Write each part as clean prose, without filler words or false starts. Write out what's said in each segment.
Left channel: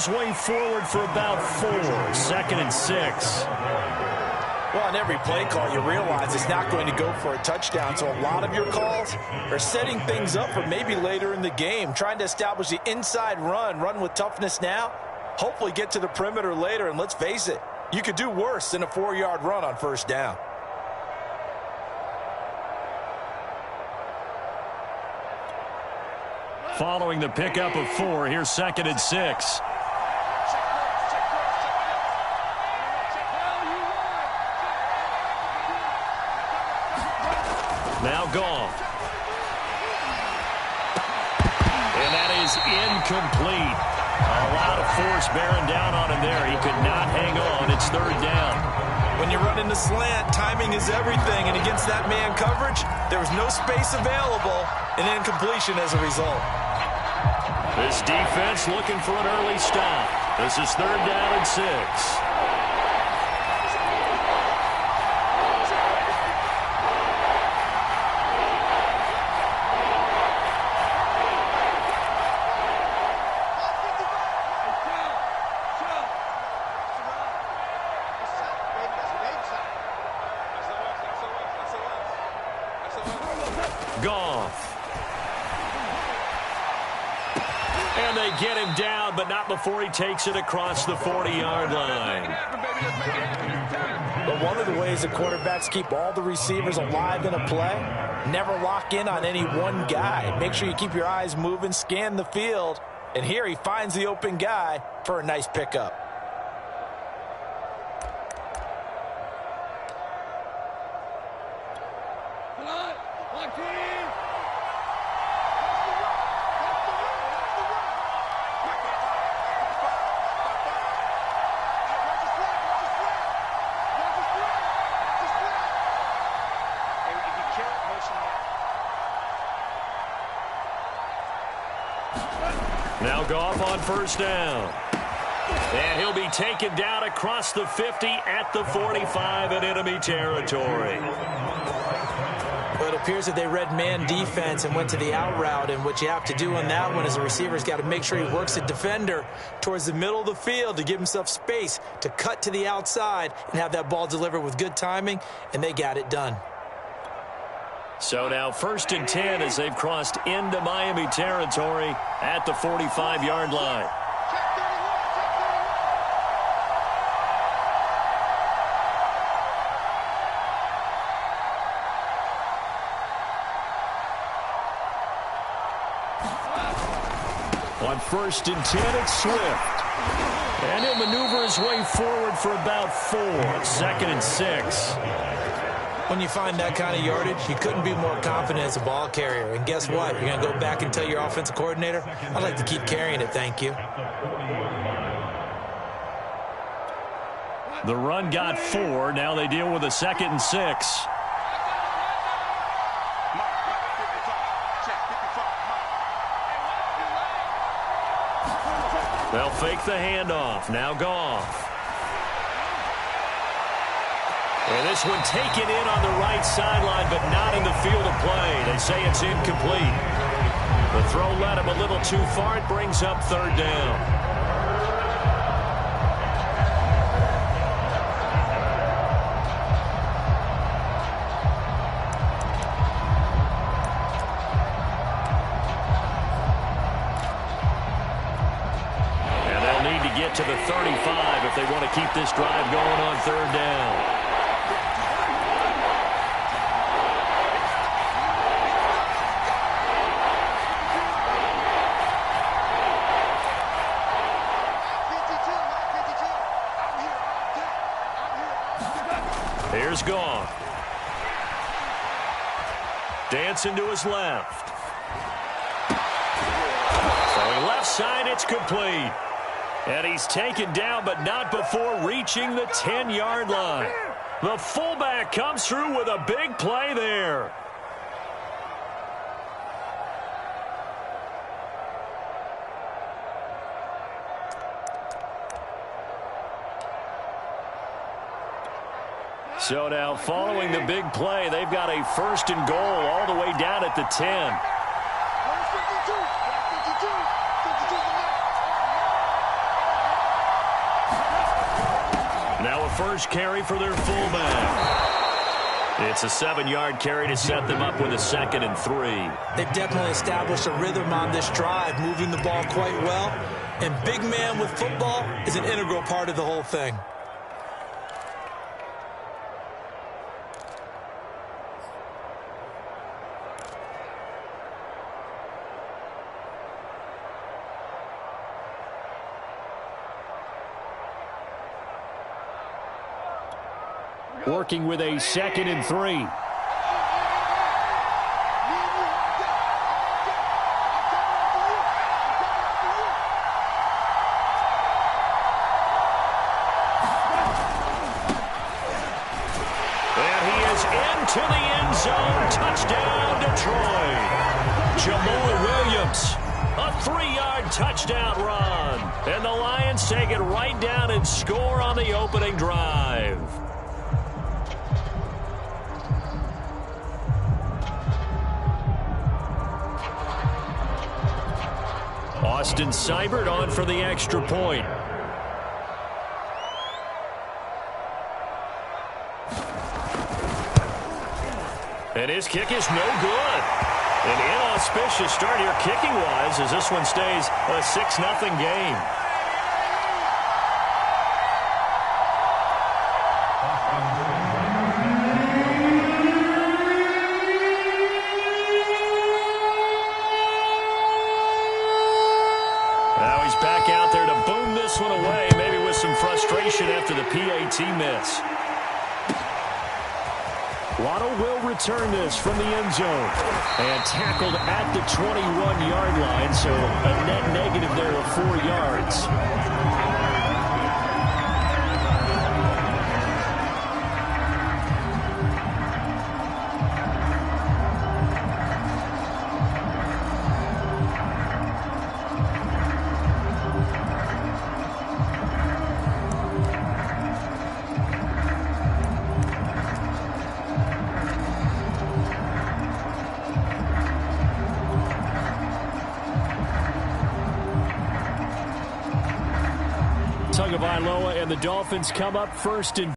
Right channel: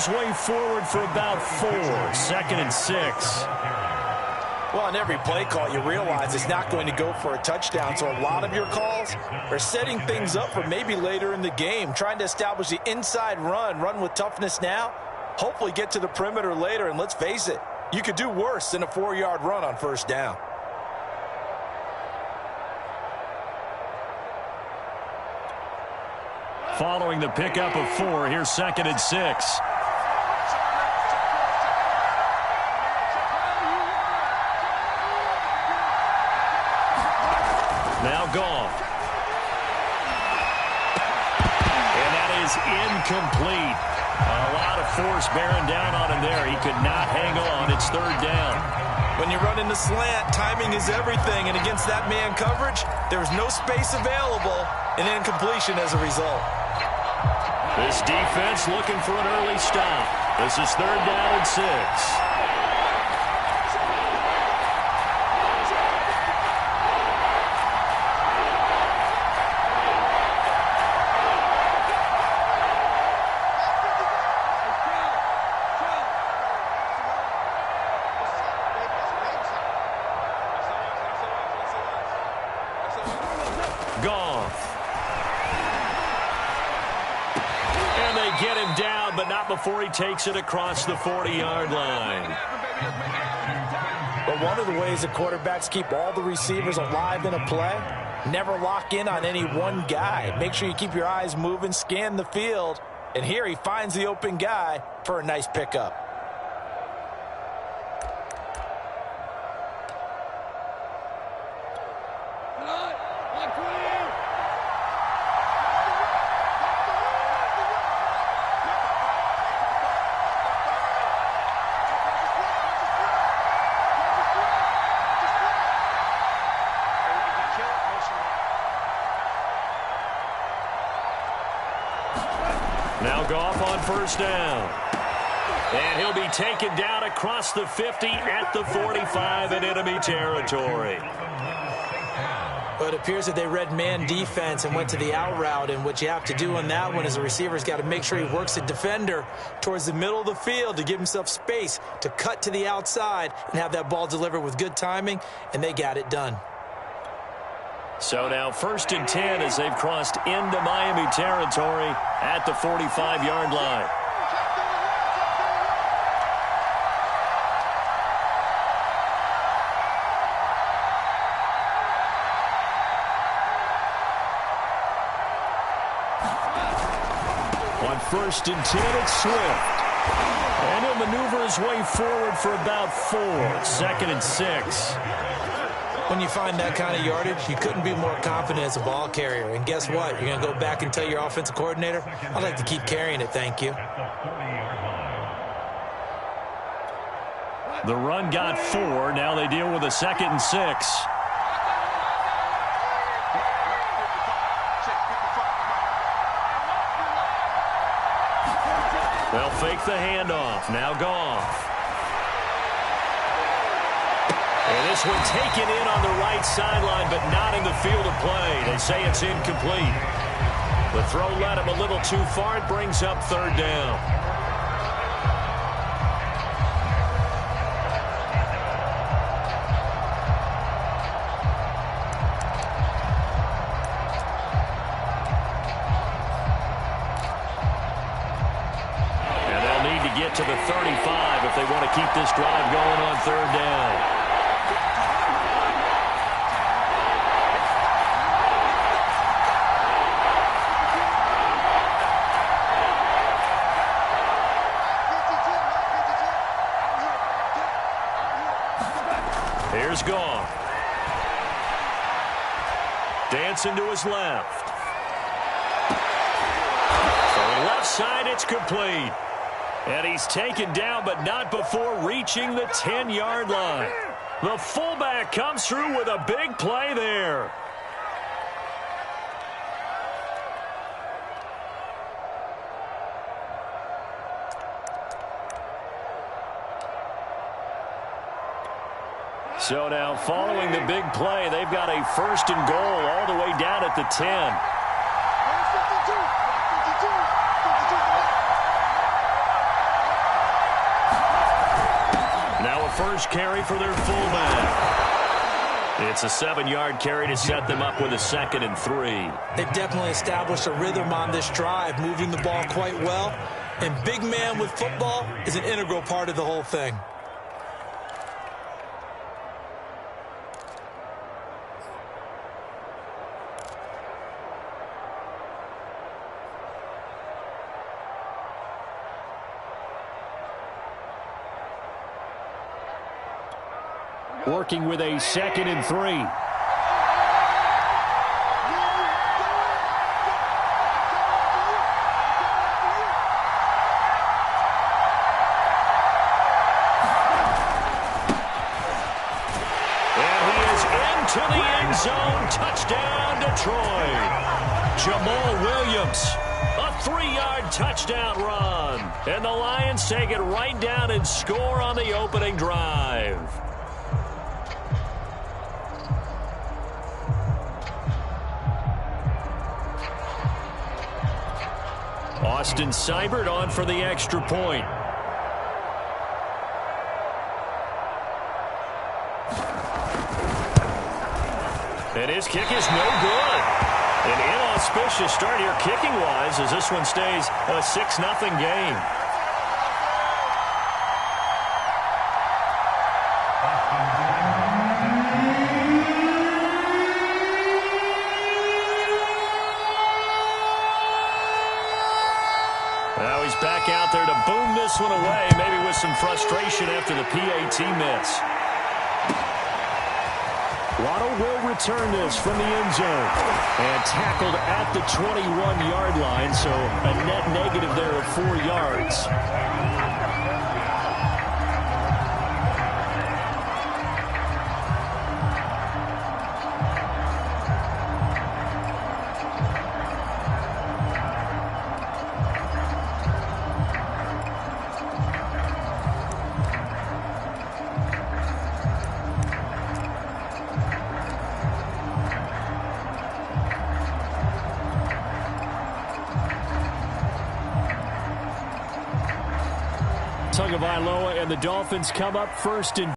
his way forward for about 4. 2nd and 6. Well, on every play call, you realize it's not going to go for a touchdown, so a lot of your calls are setting things up for maybe later in the game, trying to establish the inside run with toughness now, hopefully get to the perimeter later, and let's face it, you could do worse than a 4-yard run on 1st down. Following the pickup of 4, here's 2nd and 6. Now Goff. And that is incomplete. A lot of force bearing down on him there. He could not hang on. It's 3rd down. When you run in the slant, timing is everything. And against that man coverage, there was no space available, and incompletion as a result. This defense looking for an early stop. This is 3rd down and 6. Goff. And they get him down, but not before he takes it across the 40-yard line. But one of the ways the quarterbacks keep all the receivers alive in a play, never lock in on any one guy. Make sure you keep your eyes moving, scan the field, and here he finds the open guy for a nice pickup. Now Goff on 1st down. And he'll be taken down across the 50 at the 45 in enemy territory. Well, it appears that they read man defense and went to the out route, and what you have to do on that one is the receiver's got to make sure he works the defender towards the middle of the field to give himself space to cut to the outside and have that ball delivered with good timing, and they got it done. So now 1st and 10 as they've crossed into Miami territory at the 45-yard line. On 1st and 10, it's Swift. And he'll maneuver his way forward for about 4. 2nd and 6. When you find that kind of yardage, you couldn't be more confident as a ball carrier. And guess what? You're going to go back and tell your offensive coordinator, I'd like to keep carrying it, thank you. The run got 4. Now they deal with a 2nd and 6. They'll fake the handoff. Now Goff. And this one taken in on the right sideline, but not in the field of play. They say it's incomplete. The throw led him a little too far. It brings up 3rd down. And they'll need to get to the 35 if they want to keep this drive going on 3rd down. Here's Goff. Dancing to his left. Throwing left side, it's complete. And he's taken down, but not before reaching the 10-yard line. The fullback comes through with a big play there. So now following the big play, they've got a 1st and goal all the way down at the 10. Now a first carry for their fullback. It's a 7-yard carry to set them up with a 2nd and 3. They've definitely established a rhythm on this drive, moving the ball quite well. And big man with football is an integral part of the whole thing. Working with a 2nd and 3. And he is into the end zone. Touchdown, Detroit. Jamal Williams, a 3-yard touchdown run. And the Lions take it right down and score on the opening drive. Austin Seibert on for the extra point. And his kick is no good. An inauspicious start here kicking-wise as this one stays a 6-0 game. Now he's back out there to boom this one away, maybe with some frustration after the PAT miss. Waddle will return this from the end zone. And tackled at the 21-yard line, so a net negative there of 4 yards. Tagovailoa and the Dolphins come up first and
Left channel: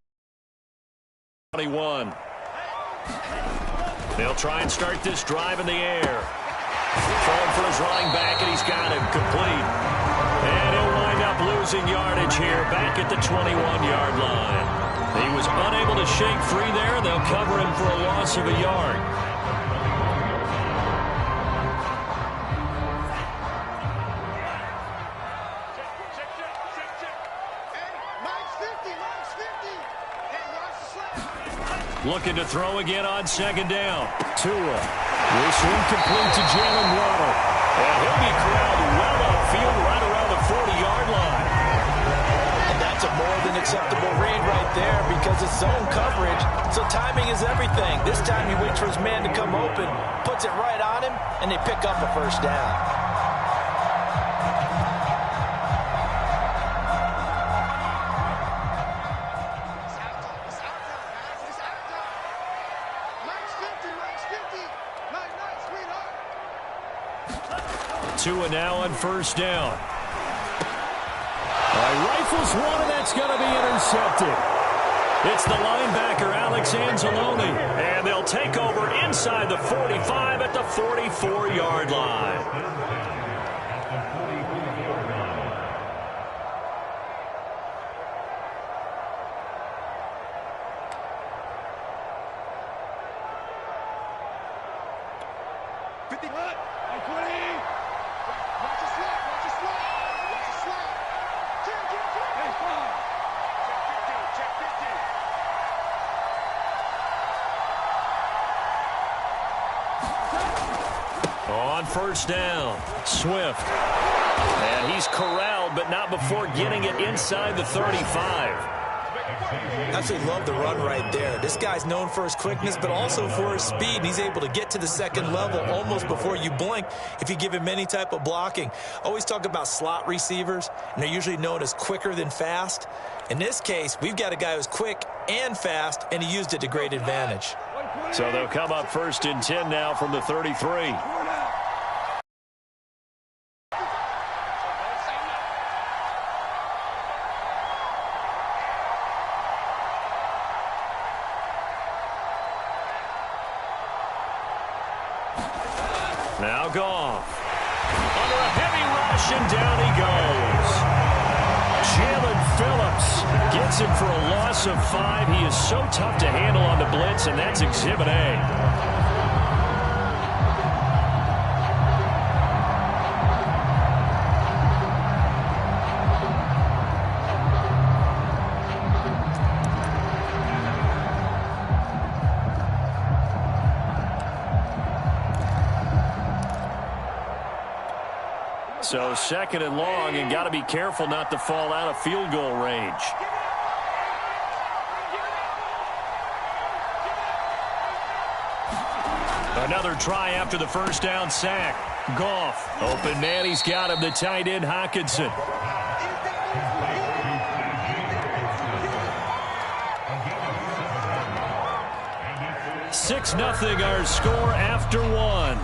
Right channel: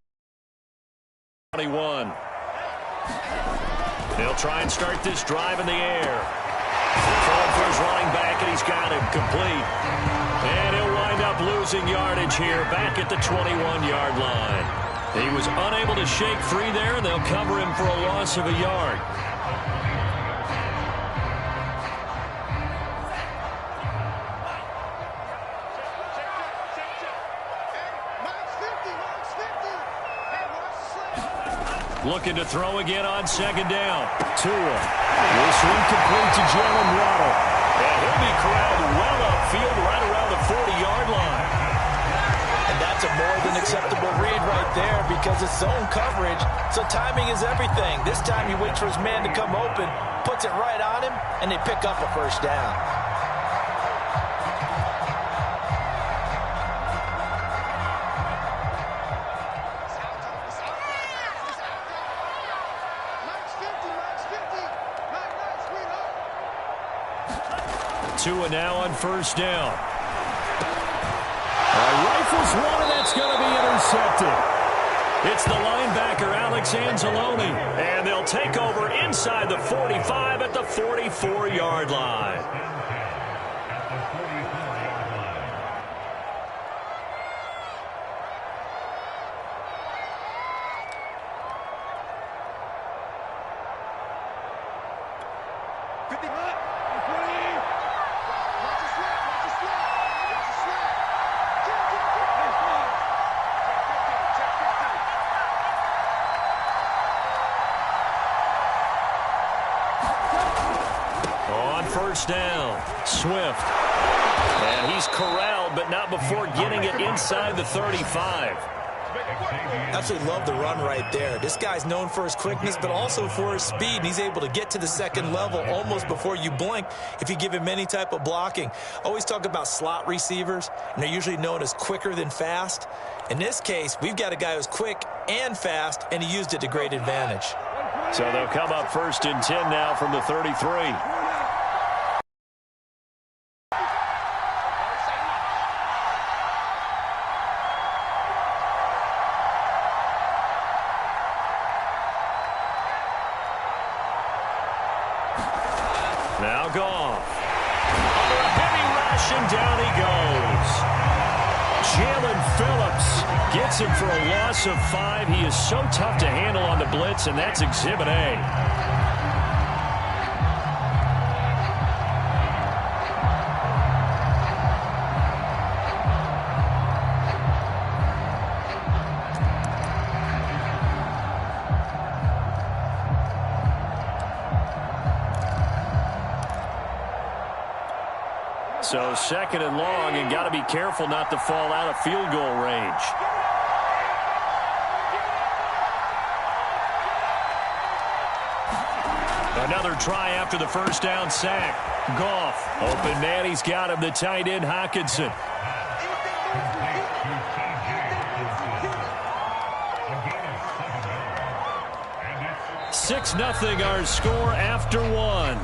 21. They'll try and start this drive in the air. Throwing for his running back, and he's got him complete. And he'll wind up losing yardage here back at the 21-yard line. He was unable to shake free there, and they'll cover him for a loss of a yard. Looking to throw again on 2nd down. Tua will swing complete to Jalen Waddle. And he'll be corralled well upfield right around the 40-yard line. And that's a more than acceptable read right there because it's zone coverage, so timing is everything. This time he waits for his man to come open, puts it right on him, and they pick up a first down. Tua now on 1st down. Rifles one, and that's going to be intercepted. It's the linebacker, Alex Anzalone. And they'll take over inside the 45 at the 44-yard line. On 1st down, Swift. And he's corralled, but not before getting it inside the 35. Absolutely love the run right there. This guy's known for his quickness, but also for his speed. And he's able to get to the 2nd level almost before you blink if you give him any type of blocking. Always talk about slot receivers, and they're usually known as quicker than fast. In this case, we've got a guy who's quick and fast, and he used it to great advantage. So they'll come up 1st and 10 now from the 33. Now Goff. Under a heavy rush, and down he goes. Jalen Phillips gets him for a loss of 5. He is so tough to handle on the blitz, and that's Exhibit A. So second and long, and got to be careful not to fall out of field goal range. Another try after the first down sack. Goff, open man, he's got him, the tight end Hockenson. Six 0 our score after one.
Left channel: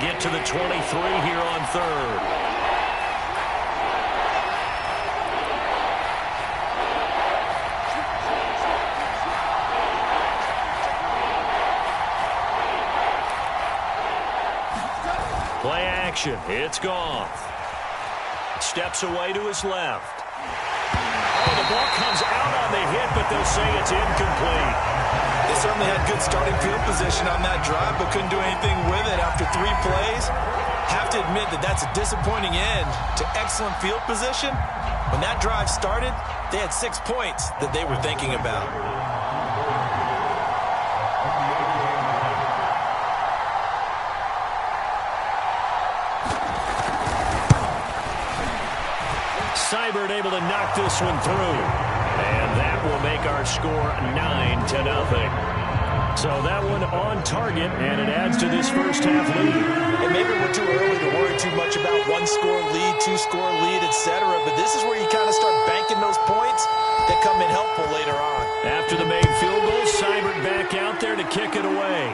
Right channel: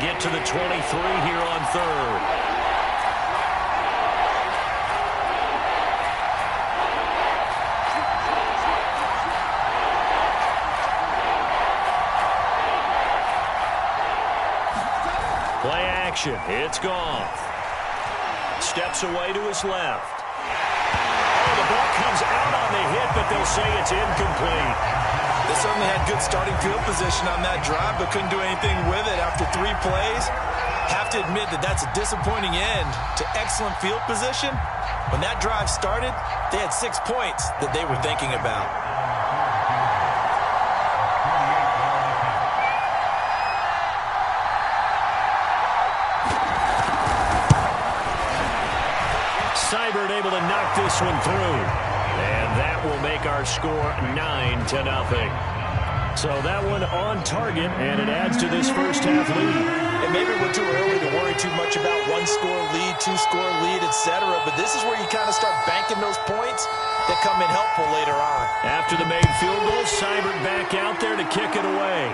Get to the 23 here on third. Play action. It's Goff. Steps away to his left. Oh, the ball comes out on the hit, but they'll say it's incomplete. They certainly had good starting field position on that drive, but couldn't do anything with it after 3 plays. Have to admit that that's a disappointing end to excellent field position. When that drive started, they had 6 points that they were thinking about. Seibert able to knock this one through. And that will make our score 9-0. So that one on target, and it adds to this first half lead. And maybe we're too early to worry too much about 1-score lead, 2-score lead, etc. But this is where you kind of start banking those points that come in helpful later on. After the made field goal, Seibert back out there to kick it away.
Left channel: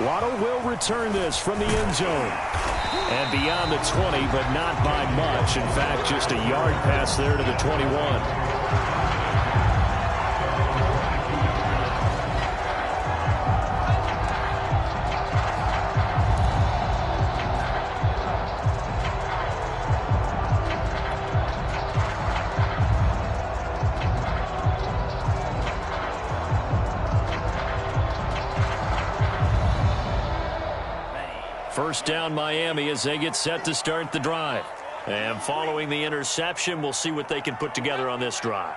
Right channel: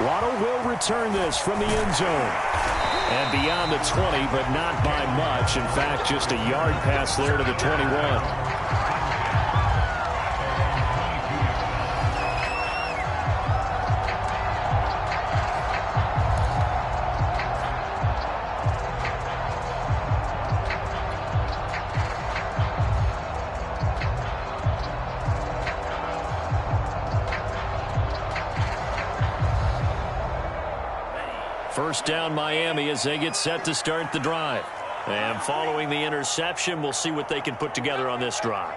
Waddle will return this from the end zone. And beyond the 20, but not by much. In fact, just a yard pass there to the 21. First down Miami as they get set to start the drive. And following the interception, we'll see what they can put together on this drive.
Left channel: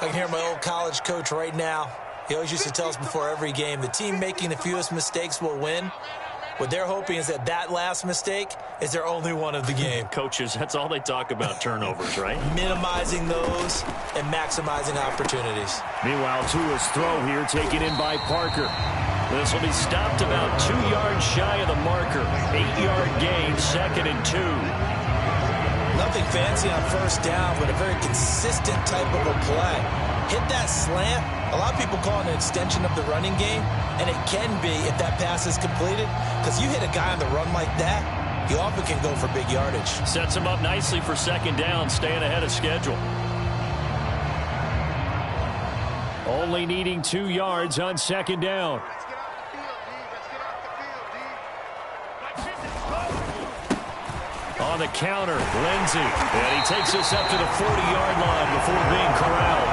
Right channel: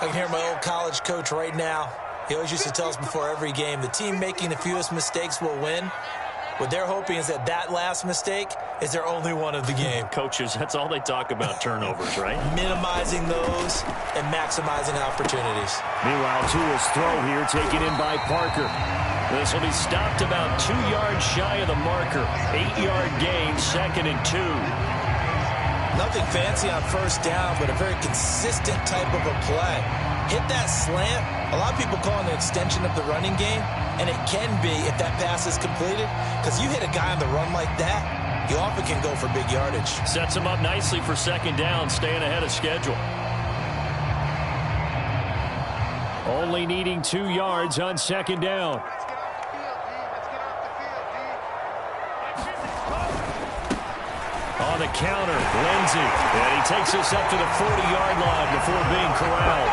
I can hear my old college coach right now. He always used to tell us before every game, the team making the fewest mistakes will win. What they're hoping is that that last mistake is their only one of the game. Coaches, that's all they talk about, turnovers, right? Minimizing those and maximizing opportunities. Meanwhile, Tua's throw here taken in by Parker. This will be stopped about 2 yards shy of the marker. 8-yard gain, 2nd and 2. Nothing fancy on first down, but a very consistent type of a play. Hit that slant. A lot of people call it an extension of the running game, and it can be if that pass is completed, because you hit a guy on the run like that, you often can go for big yardage. Sets him up nicely for 2nd down, staying ahead of schedule. Only needing 2 yards on 2nd down. On the counter, Lindsey. And he takes us up to the 40-yard line before being corralled.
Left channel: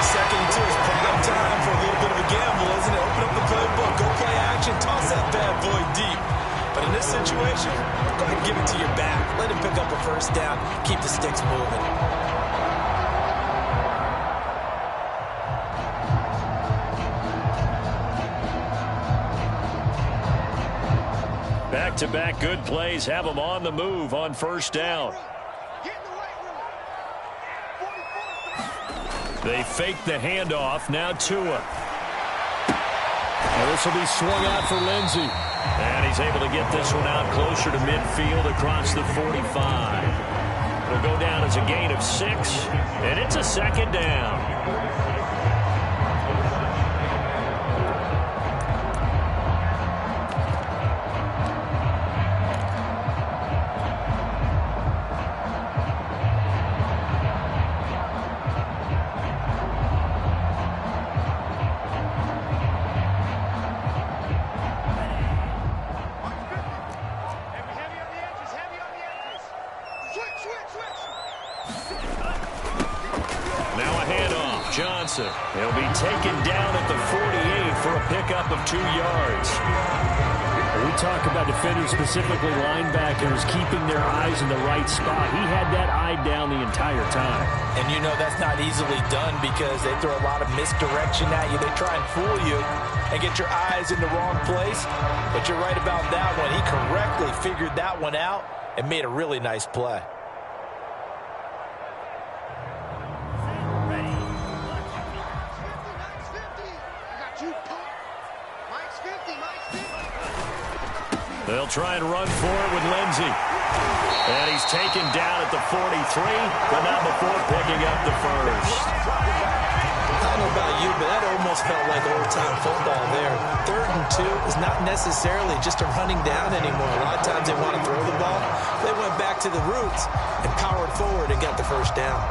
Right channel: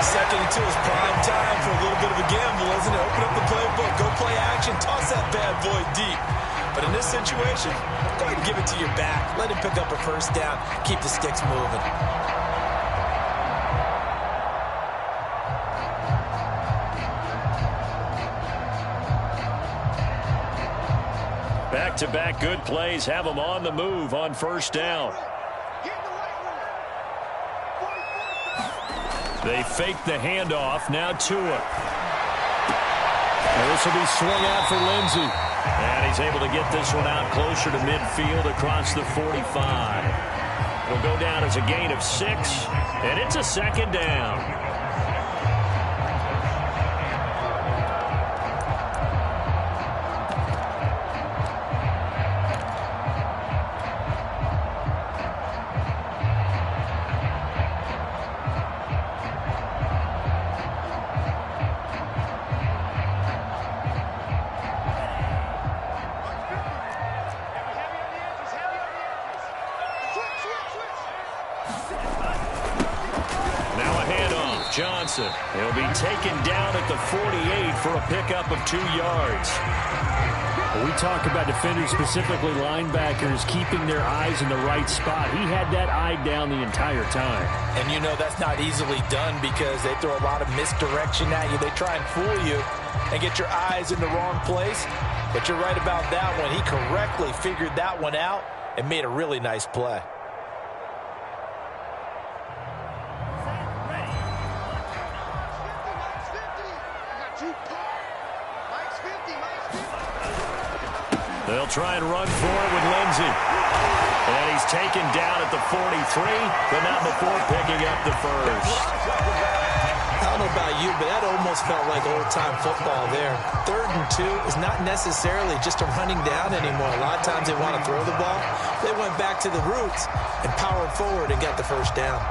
2nd and 2 is prime time for a little bit of a gamble, isn't it? Open up the playbook, go play action, toss that bad boy deep. But in this situation, go ahead and give it to your back. Let him pick up a first down. Keep the sticks moving. Back-to-back good plays have them on the move on first down. They fake the handoff. Now Tua. And this will be swung out for Lindsey. And he's able to get this one out closer to midfield across the 45. It'll go down as a gain of 6, and it's a 2nd down. Now a handoff. Johnson. He'll be taken down at the 48 for a pickup of 2 yards. When we talk about defenders, specifically linebackers, keeping their eyes in the right spot, he had that eye down the entire time. And you know that's not easily done because they throw a lot of misdirection at you. They try and fool you and get your eyes in the wrong place. But you're right about that one. He correctly figured that one out and made a really nice play. They'll try and run for it with Lindsey. And he's taken down at the 43, but not before picking up the first. I don't know about you, but that almost felt like old-time football there. 3rd and 2 is not necessarily just a running down anymore. A lot of times they want to throw the ball. They went back to the roots and powered forward and got the first down.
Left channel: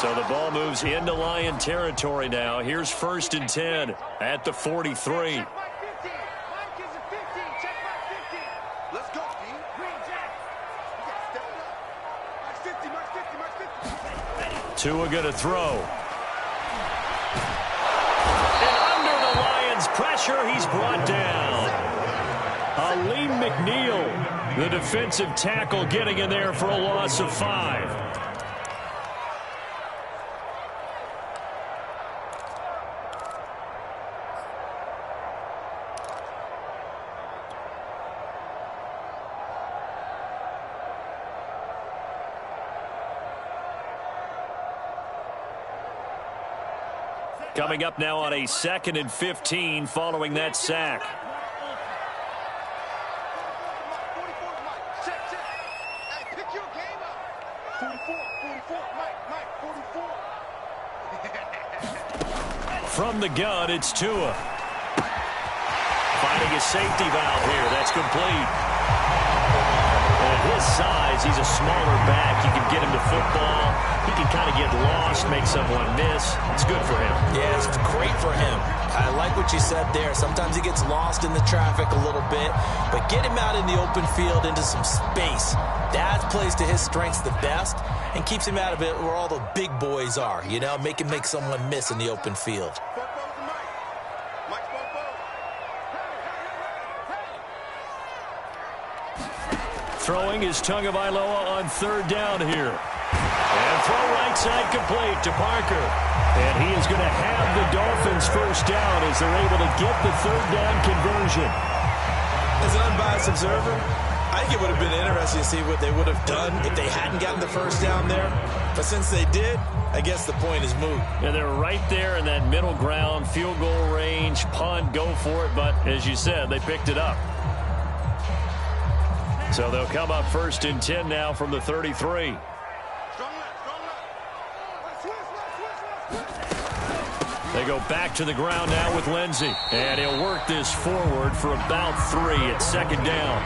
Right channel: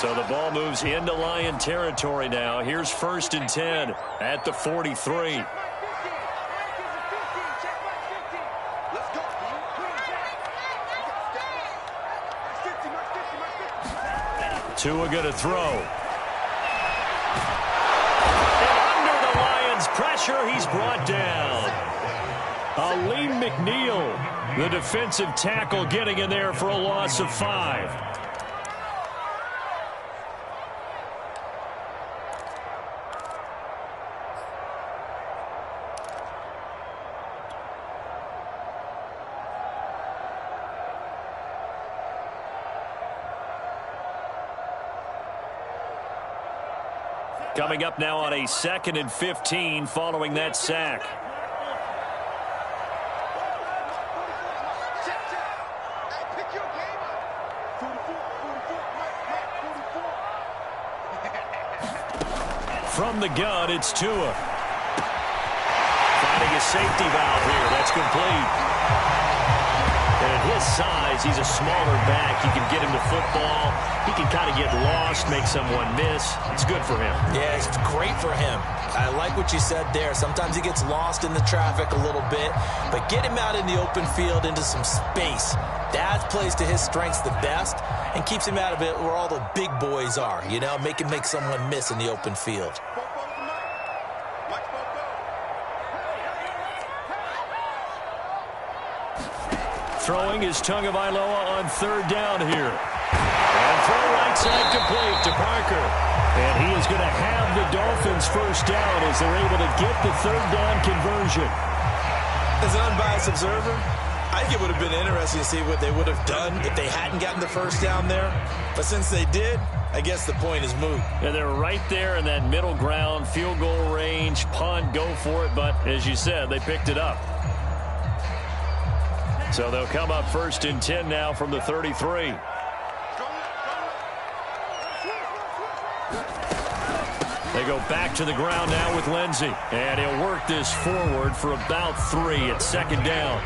So the ball moves into Lion territory now. Here's 1st and 10 at the 43. Tua going to throw. And under the Lions' pressure, he's brought down. Aleem McNeil, the defensive tackle, getting in there for a loss of 5. Coming up now on a 2nd and 15 following that sack. From the gun, it's Tua. Finding his safety valve here. That's complete. And at his size, he's a smaller back. You can get him to football. He can kind of get lost, make someone miss. It's good for him. Yeah, it's great for him. I like what you said there. Sometimes he gets lost in the traffic a little bit, but get him out in the open field into some space. That plays to his strengths the best and keeps him out of it where all the big boys are, you know, make someone miss in the open field. Throwing is Tagovailoa on 3rd down here. And throw right side complete to Parker. And he is going to have the Dolphins' first down as they're able to get the 3rd down conversion. As an unbiased observer, I think it would have been interesting to see what they would have done if they hadn't gotten the first down there. But since they did, I guess the point is moot. Yeah, they're right there in that middle ground, field goal range, punt, go for it. But as you said, they picked it up. So they'll come up 1st and 10 now from the 33. They go back to the ground now with Lindsey. And he'll work this forward for about 3 at 2nd down.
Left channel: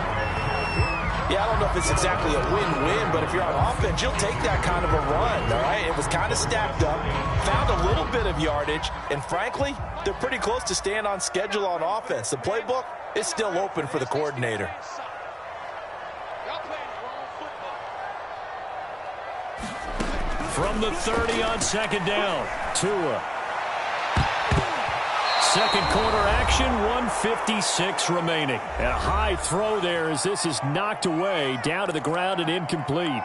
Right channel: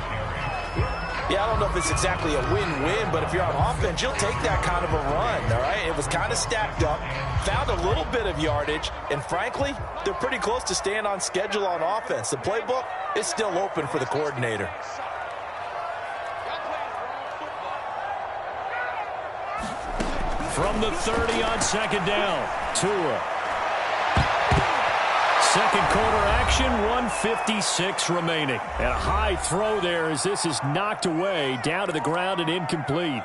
Yeah, I don't know if it's exactly a win-win, but if you're on offense, you'll take that kind of a run, all right? It was kind of stacked up, found a little bit of yardage, and frankly, they're pretty close to staying on schedule on offense. The playbook is still open for the coordinator. From the 30 on 2nd down, Tua. 2nd quarter action, 1:56 remaining. And a high throw there as this is knocked away, down to the ground and incomplete.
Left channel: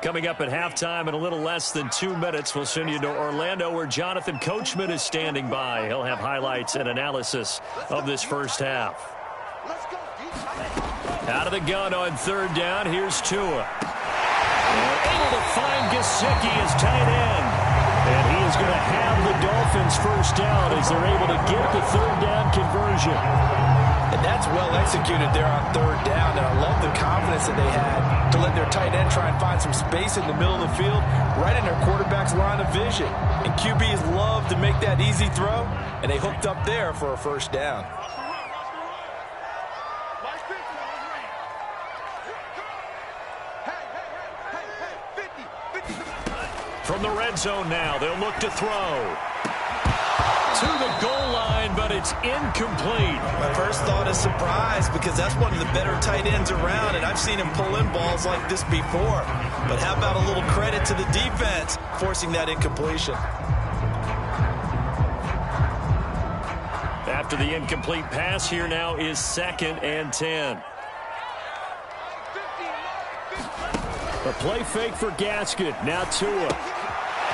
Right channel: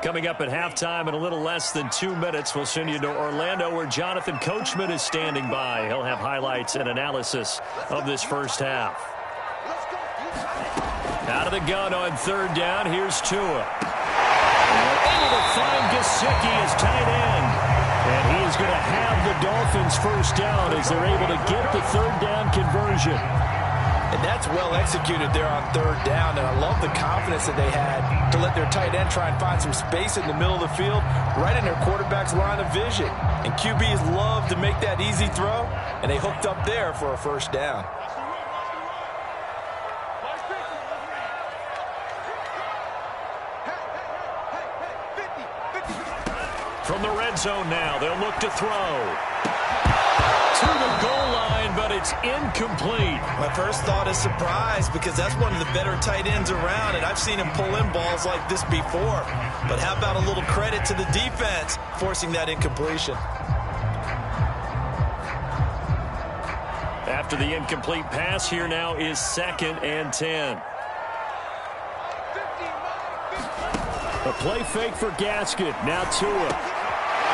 Coming up at halftime in a little less than 2 minutes, we'll send you to Orlando where Jonathan Coachman is standing by. He'll have highlights and analysis of this first half. Out of the gun on 3rd down, here's Tua. And able to find Gesicki as tight end. And he is going to have the Dolphins first down as they're able to get the third down conversion. And that's well executed there on third down. And I love the confidence that they had to let their tight end try and find some space in the middle of the field, right in their quarterback's line of vision. And QBs love to make that easy throw, and they hooked up there for a first down. From the red zone now, they'll look to throw. To the goal line, but it's incomplete. My first thought is surprise, because that's one of the better tight ends around, and I've seen him pull in balls like this before. But how about a little credit to the defense forcing that incompletion? After the incomplete pass, here now is 2nd and 10. A play fake for Gaskin. Now Tua.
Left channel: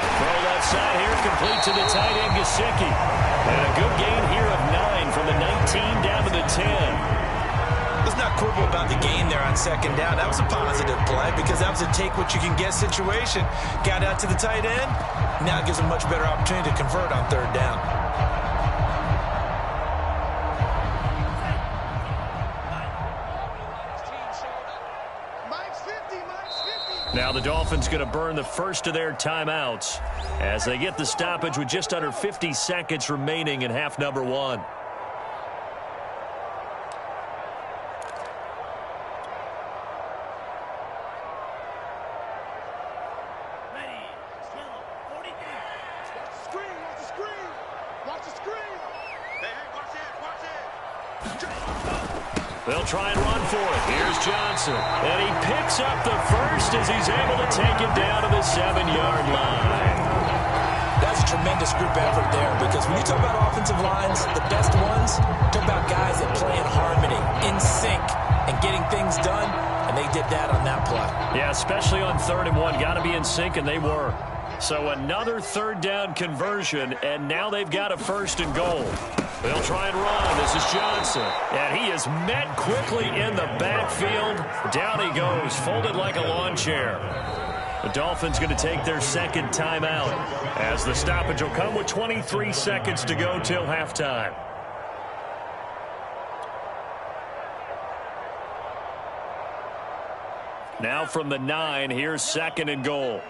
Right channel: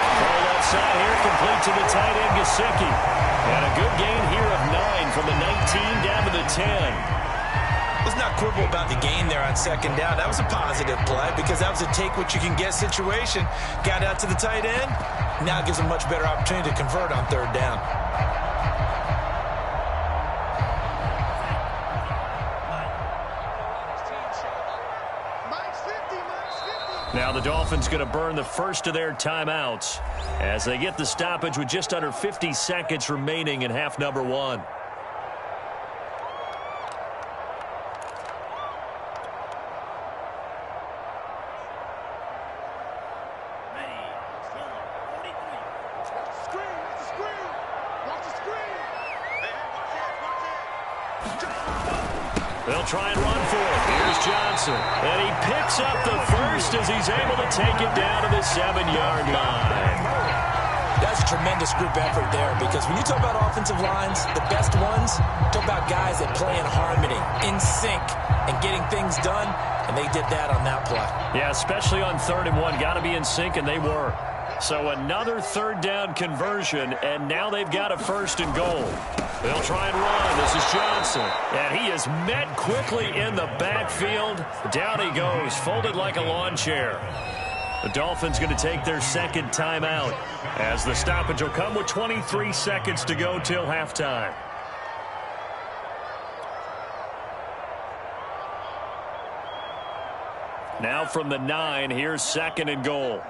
Throw left side here, complete to the tight end, Gesicki. And a good gain here of 9 from the 19 down to the 10. Let's not quibble about the gain there on 2nd down. That was a positive play because that was a take-what-you-can-get situation. Got out to the tight end. Now it gives them a much better opportunity to convert on 3rd down. Now the Dolphins going to burn the first of their timeouts as they get the stoppage with just under 50 seconds remaining in half number 1. They'll try and run for it. Here's Johnson. And he picks up the first as he's able to take it down to the 7-yard line. That's a tremendous group effort there, because when you talk about offensive lines, the best ones, talk about guys that play in harmony, in sync, and getting things done, and they did that on that play. Yeah, especially on 3rd and 1. Got to be in sync, and they were. So another 3rd down conversion, and now they've got a 1st and goal. They'll try and run. This is Johnson. And he is met quickly in the backfield. Down he goes, folded like a lawn chair. The Dolphins going to take their 2nd timeout as the stoppage will come with 23 seconds to go till halftime. Now from the 9, here's 2nd and goal.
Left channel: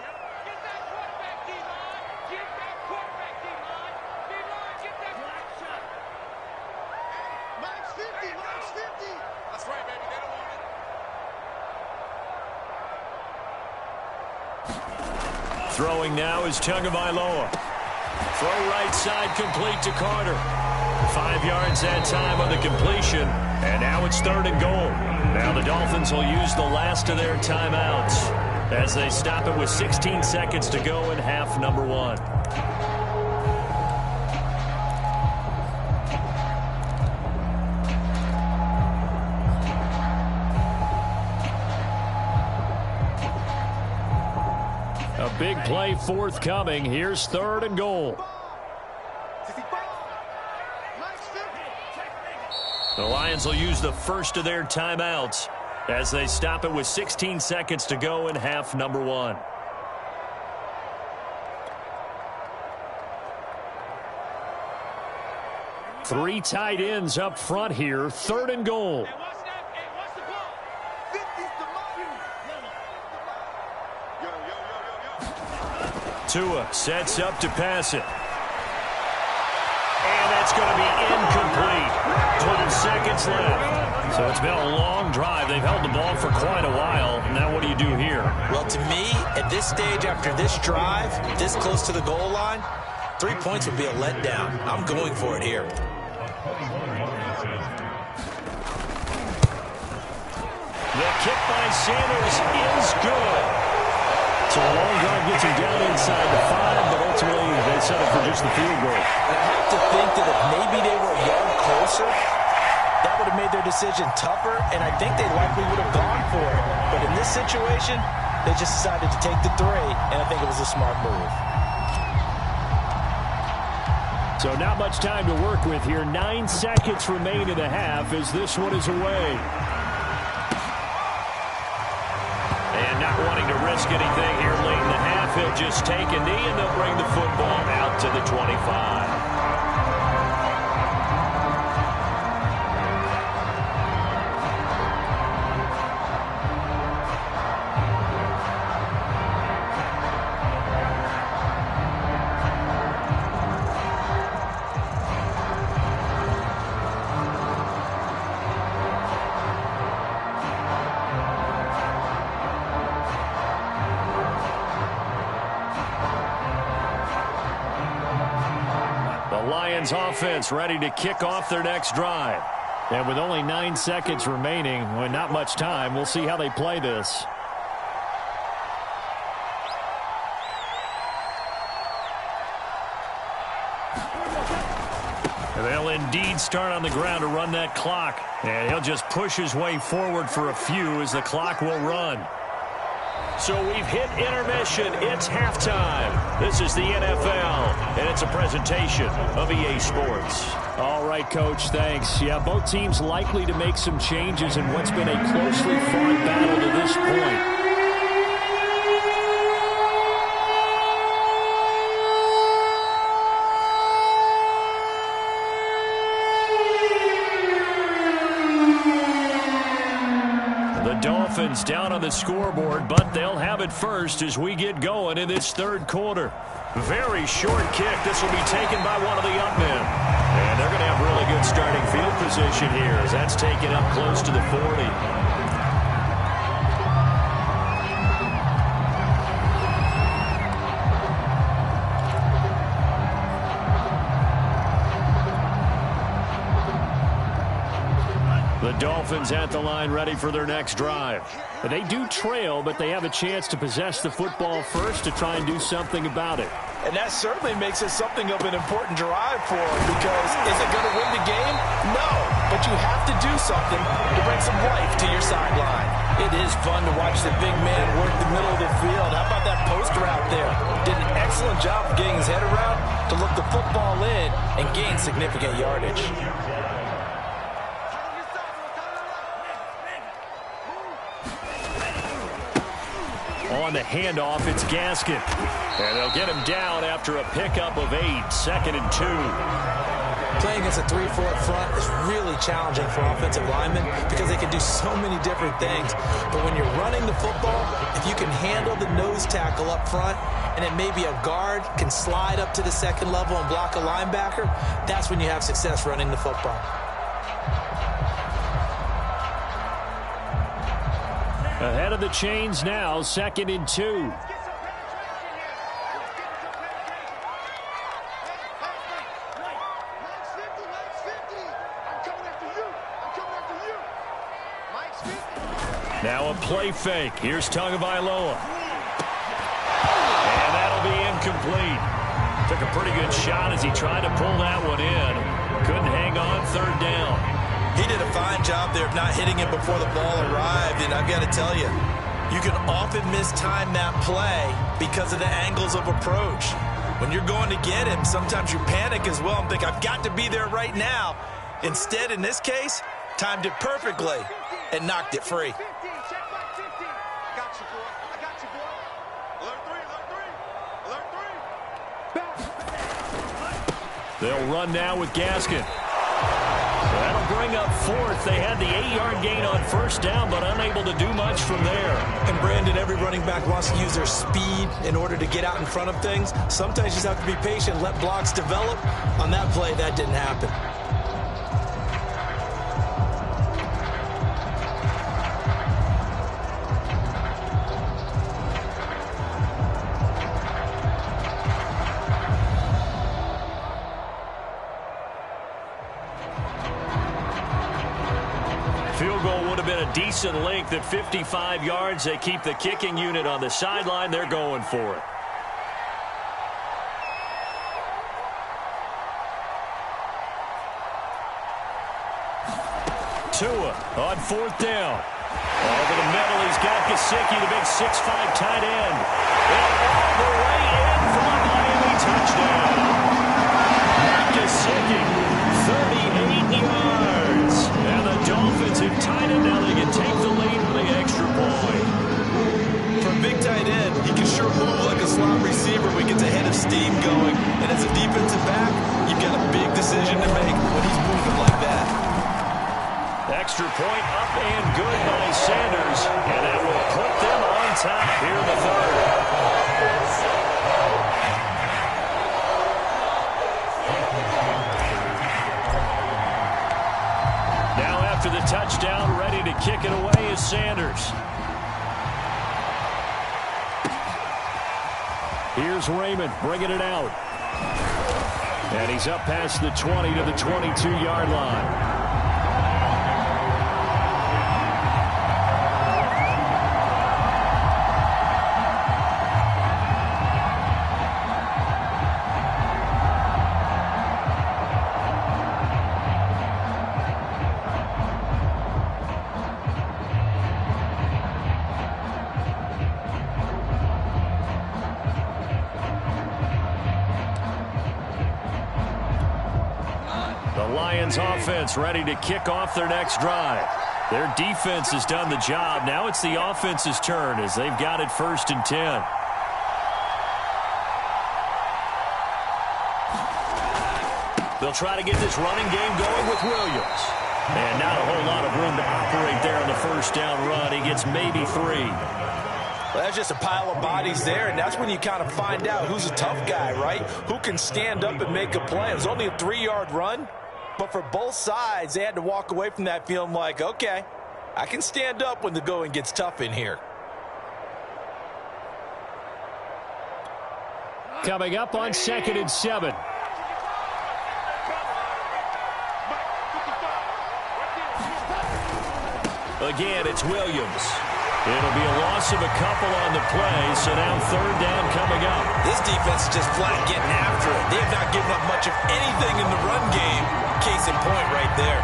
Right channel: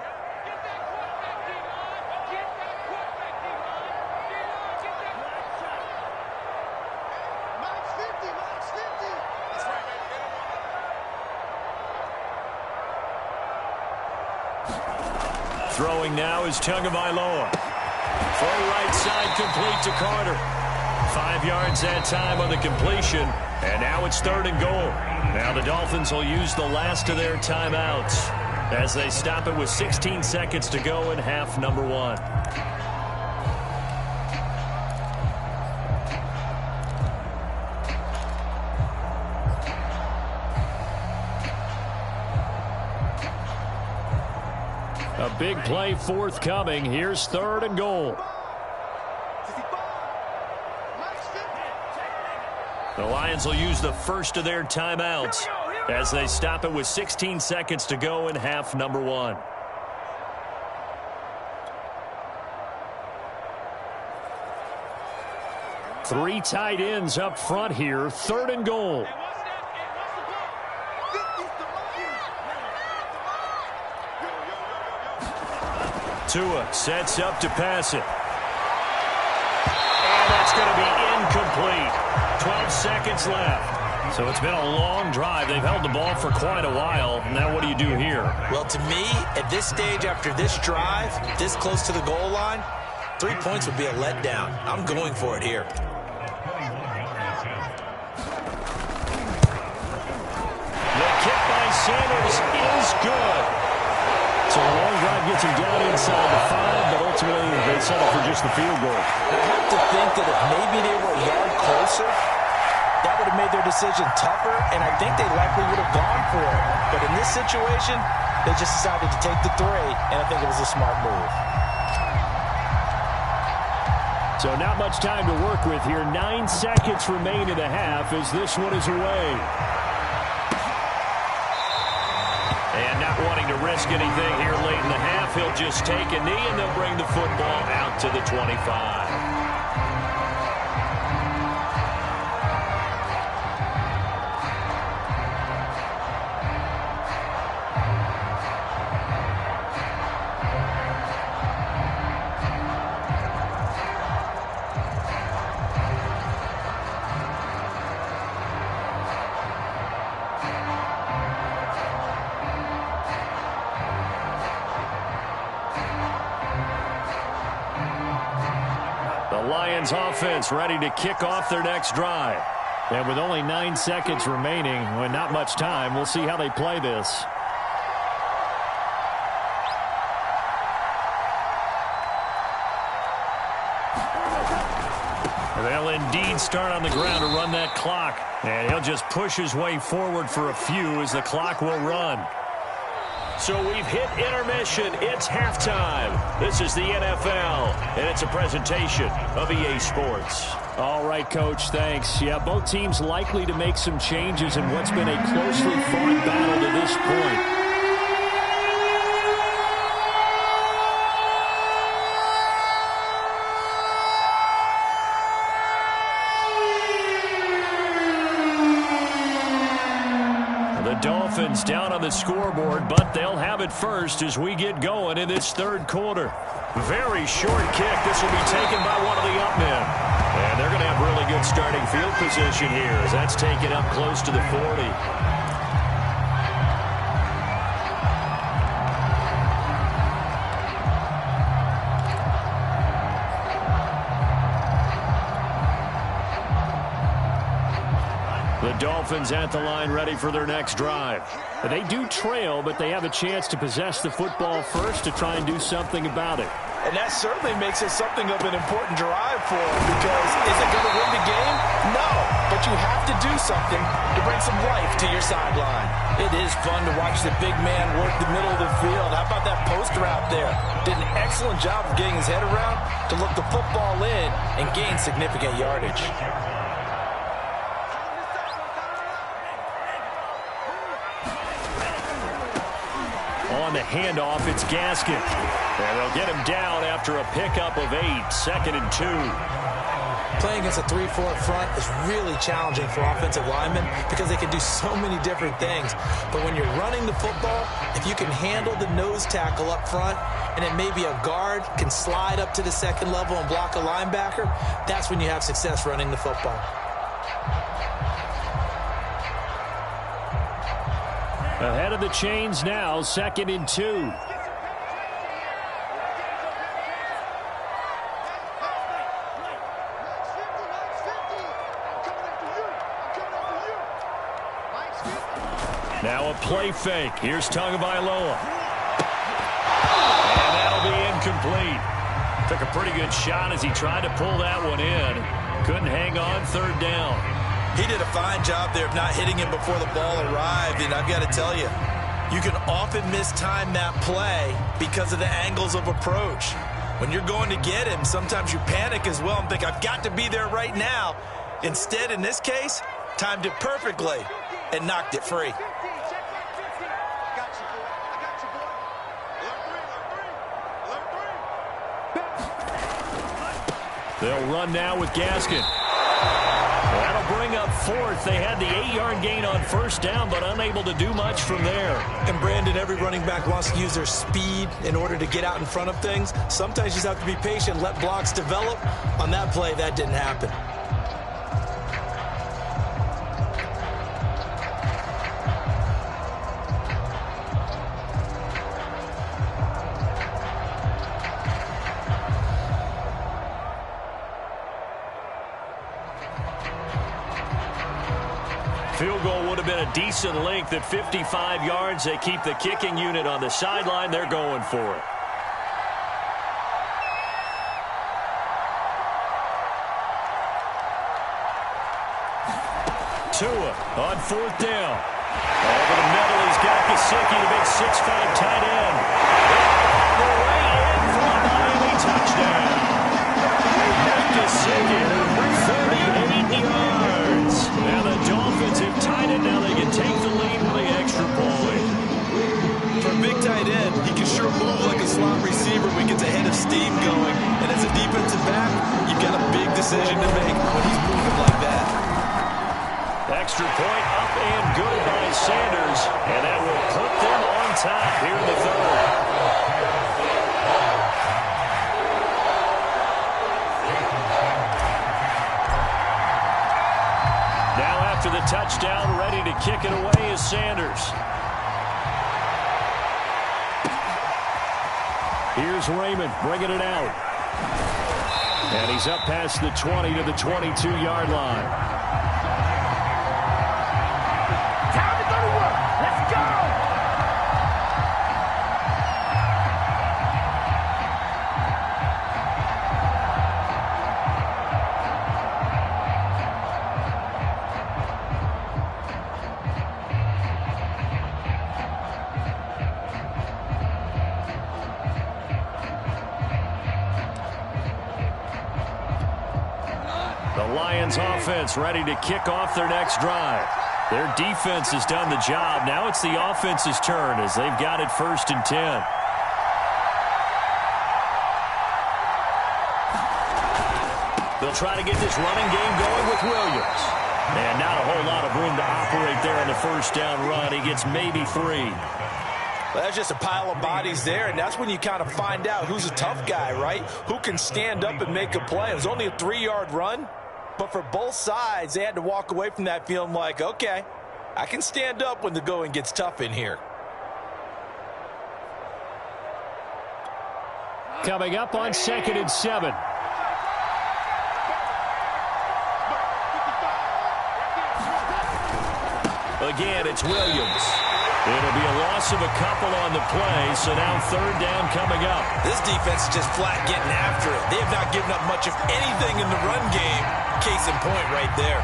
Throwing now is Tagovailoa. Throw right side complete to Carter. 5 yards that time on the completion. And now it's 3rd and goal. Now the Dolphins will use the last of their timeouts as they stop it with 16 seconds to go in half number 1. A big play forthcoming. Here's 3rd and goal. The Lions will use the first of their timeouts as they stop it with 16 seconds to go in half number 1. Three tight ends up front here. 3rd and goal. Tua sets up to pass it. And that's going to be incomplete. 12 seconds left. So it's been a long drive. They've held the ball for quite a while. Now what do you do here? Well, to me, at this stage, after this drive, this close to the goal line, 3 points would be a letdown. I'm going for it here. The kick by Sanders is good. So a long drive gets him down inside the 5, but ultimately they settle for just the field goal. I have to think that if maybe they were a yard closer, that would have made their decision tougher, and I think they likely would have gone for it. But in this situation, they just decided to take the 3, and I think it was a smart move. So not much time to work with here. 9 seconds remain in the half as this one is away. And not wanting to risk anything here late in the half, he'll just take a knee, and they'll bring the football out to the 25. The Lions offense ready to kick off their next drive. And with only 9 seconds remaining, well, not much time, we'll see how they play this. They'll indeed start on the ground to run that clock. And he'll just push his way forward for a few as the clock will run. So we've hit intermission. It's halftime. This is the NFL, and it's a presentation of EA Sports. All right, Coach, thanks. Yeah, both teams likely to make some changes in what's been a closely fought battle to this point. Dolphins down on the scoreboard, but they'll have it first as we get going in this third quarter. Very short kick. This will be taken by one of the up men. And they're going to have really good starting field position here as that's taken up close to the 40. The Dolphins at the line ready for their next drive. They do trail, but they have a chance to possess the football first to try and do something about it. And that certainly makes it something of an important drive for them, because is it going to win the game? No, but you have to do something to bring some life to your sideline. It is fun to watch the big man work the middle of the field. How about that post route there? Did an excellent job of getting his head around to look the football in and gain significant yardage. On the handoff, it's Gaskin. And they'll get him down after a pickup of 8, 2nd and 2. Playing against a 3-4 front is really challenging for offensive linemen because they can do so many different things. But when you're running the football, if you can handle the nose tackle up front, and then maybe a guard can slide up to the second level and block a linebacker, that's when you have success running the football. Ahead of the chains now, 2nd and 2. Now a play fake. Here's Tagovailoa. And that'll be incomplete. Took a pretty good shot as he tried to pull that one in. Couldn't hang on, 3rd down. He did a fine job there of not hitting him before the ball arrived, and I've got to tell you, you can often mistime that play because of the angles of approach. When you're going to get him, sometimes you panic as well and think, I've got to be there right now. Instead, in this case, timed it perfectly and knocked it free. They'll run now with Gaskin. That'll bring up 4th. They had the 8-yard gain on 1st down, but unable to do much from there. And, Brandon, every running back wants to use their speed in order to get out in front of things. Sometimes you just have to be patient, let blocks develop. On that play, that didn't happen. Field goal would have been a decent length at 55 yards. They keep the kicking unit on the sideline. They're going for it. Tua on 4th down. Over the middle, he's got Gesicki, the big 6'5" tight end. And all the way in for a Miami touchdown. Gesicki, 38 yards. And the Dolphins have tied it. Now they can take the lead with the extra point. For a big tight end, he can sure move like a slot receiver when he gets a head of steam going. And as a defensive back, you've got a big decision to make when he's moving like that. Extra point up and good by Sanders. And that will put them on top here in the third. Now after the touchdown, ready to kick it away is Sanders. Here's Raymond bringing it out. And he's up past the 20 to the 22-yard line. Lions offense ready to kick off their next drive. Their defense has done the job. Now it's the offense's turn as they've got it 1st and 10. They'll try to get this running game going with Williams. And not a whole lot of room to operate there on the first down run. He gets maybe 3. Well, that's just a pile of bodies there, and that's when you kind of find out who's a tough guy, right? Who can stand up and make a play. It was only a 3-yard run. But for both sides, they had to walk away from that feeling like, okay, I can stand up when the going gets tough in here. Coming up on 2nd and 7. Again, it's Williams. It'll be a loss of a couple on the play, so now 3rd down coming up. This defense is just flat getting after it. They have not given up much of anything in the run game. Case in point right there.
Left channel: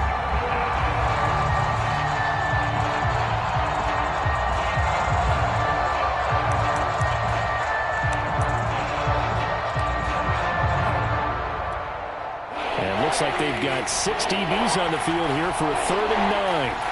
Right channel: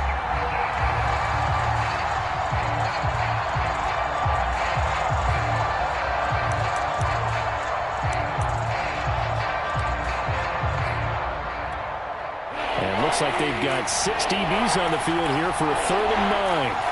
And looks like they've got 6 DBs on the field here for a 3rd and 9.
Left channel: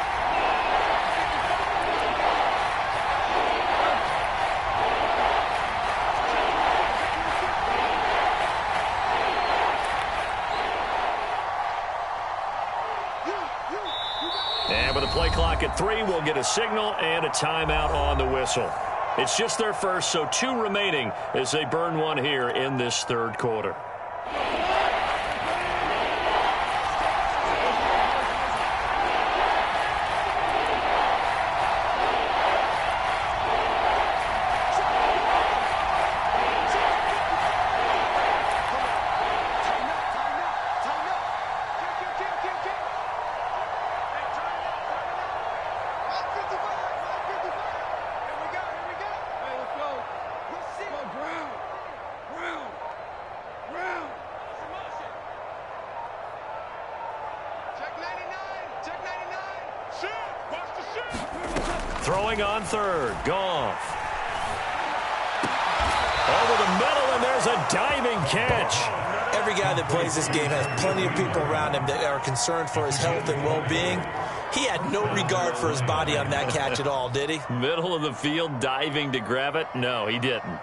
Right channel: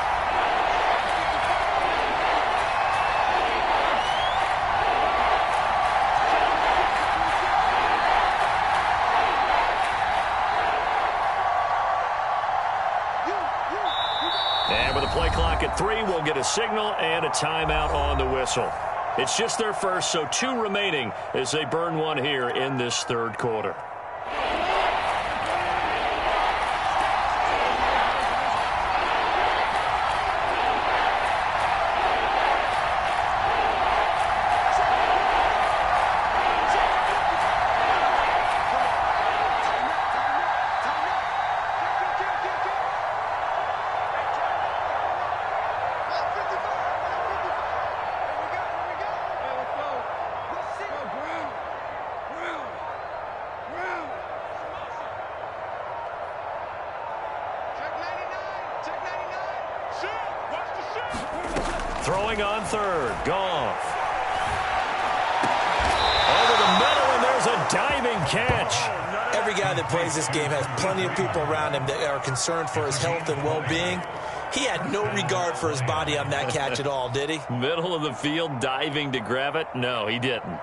And with a play clock at 3, we'll get a signal and a timeout on the whistle. It's just their first, so 2 remaining as they burn one here in this 3rd quarter. Throwing on 3rd, Goff. Over the middle, and there's a diving catch. Every guy that plays this game has plenty of people around him that are concerned for his health and well-being. He had no regard for his body on that catch at all, did he? Middle of the field, diving to grab it? No, he didn't.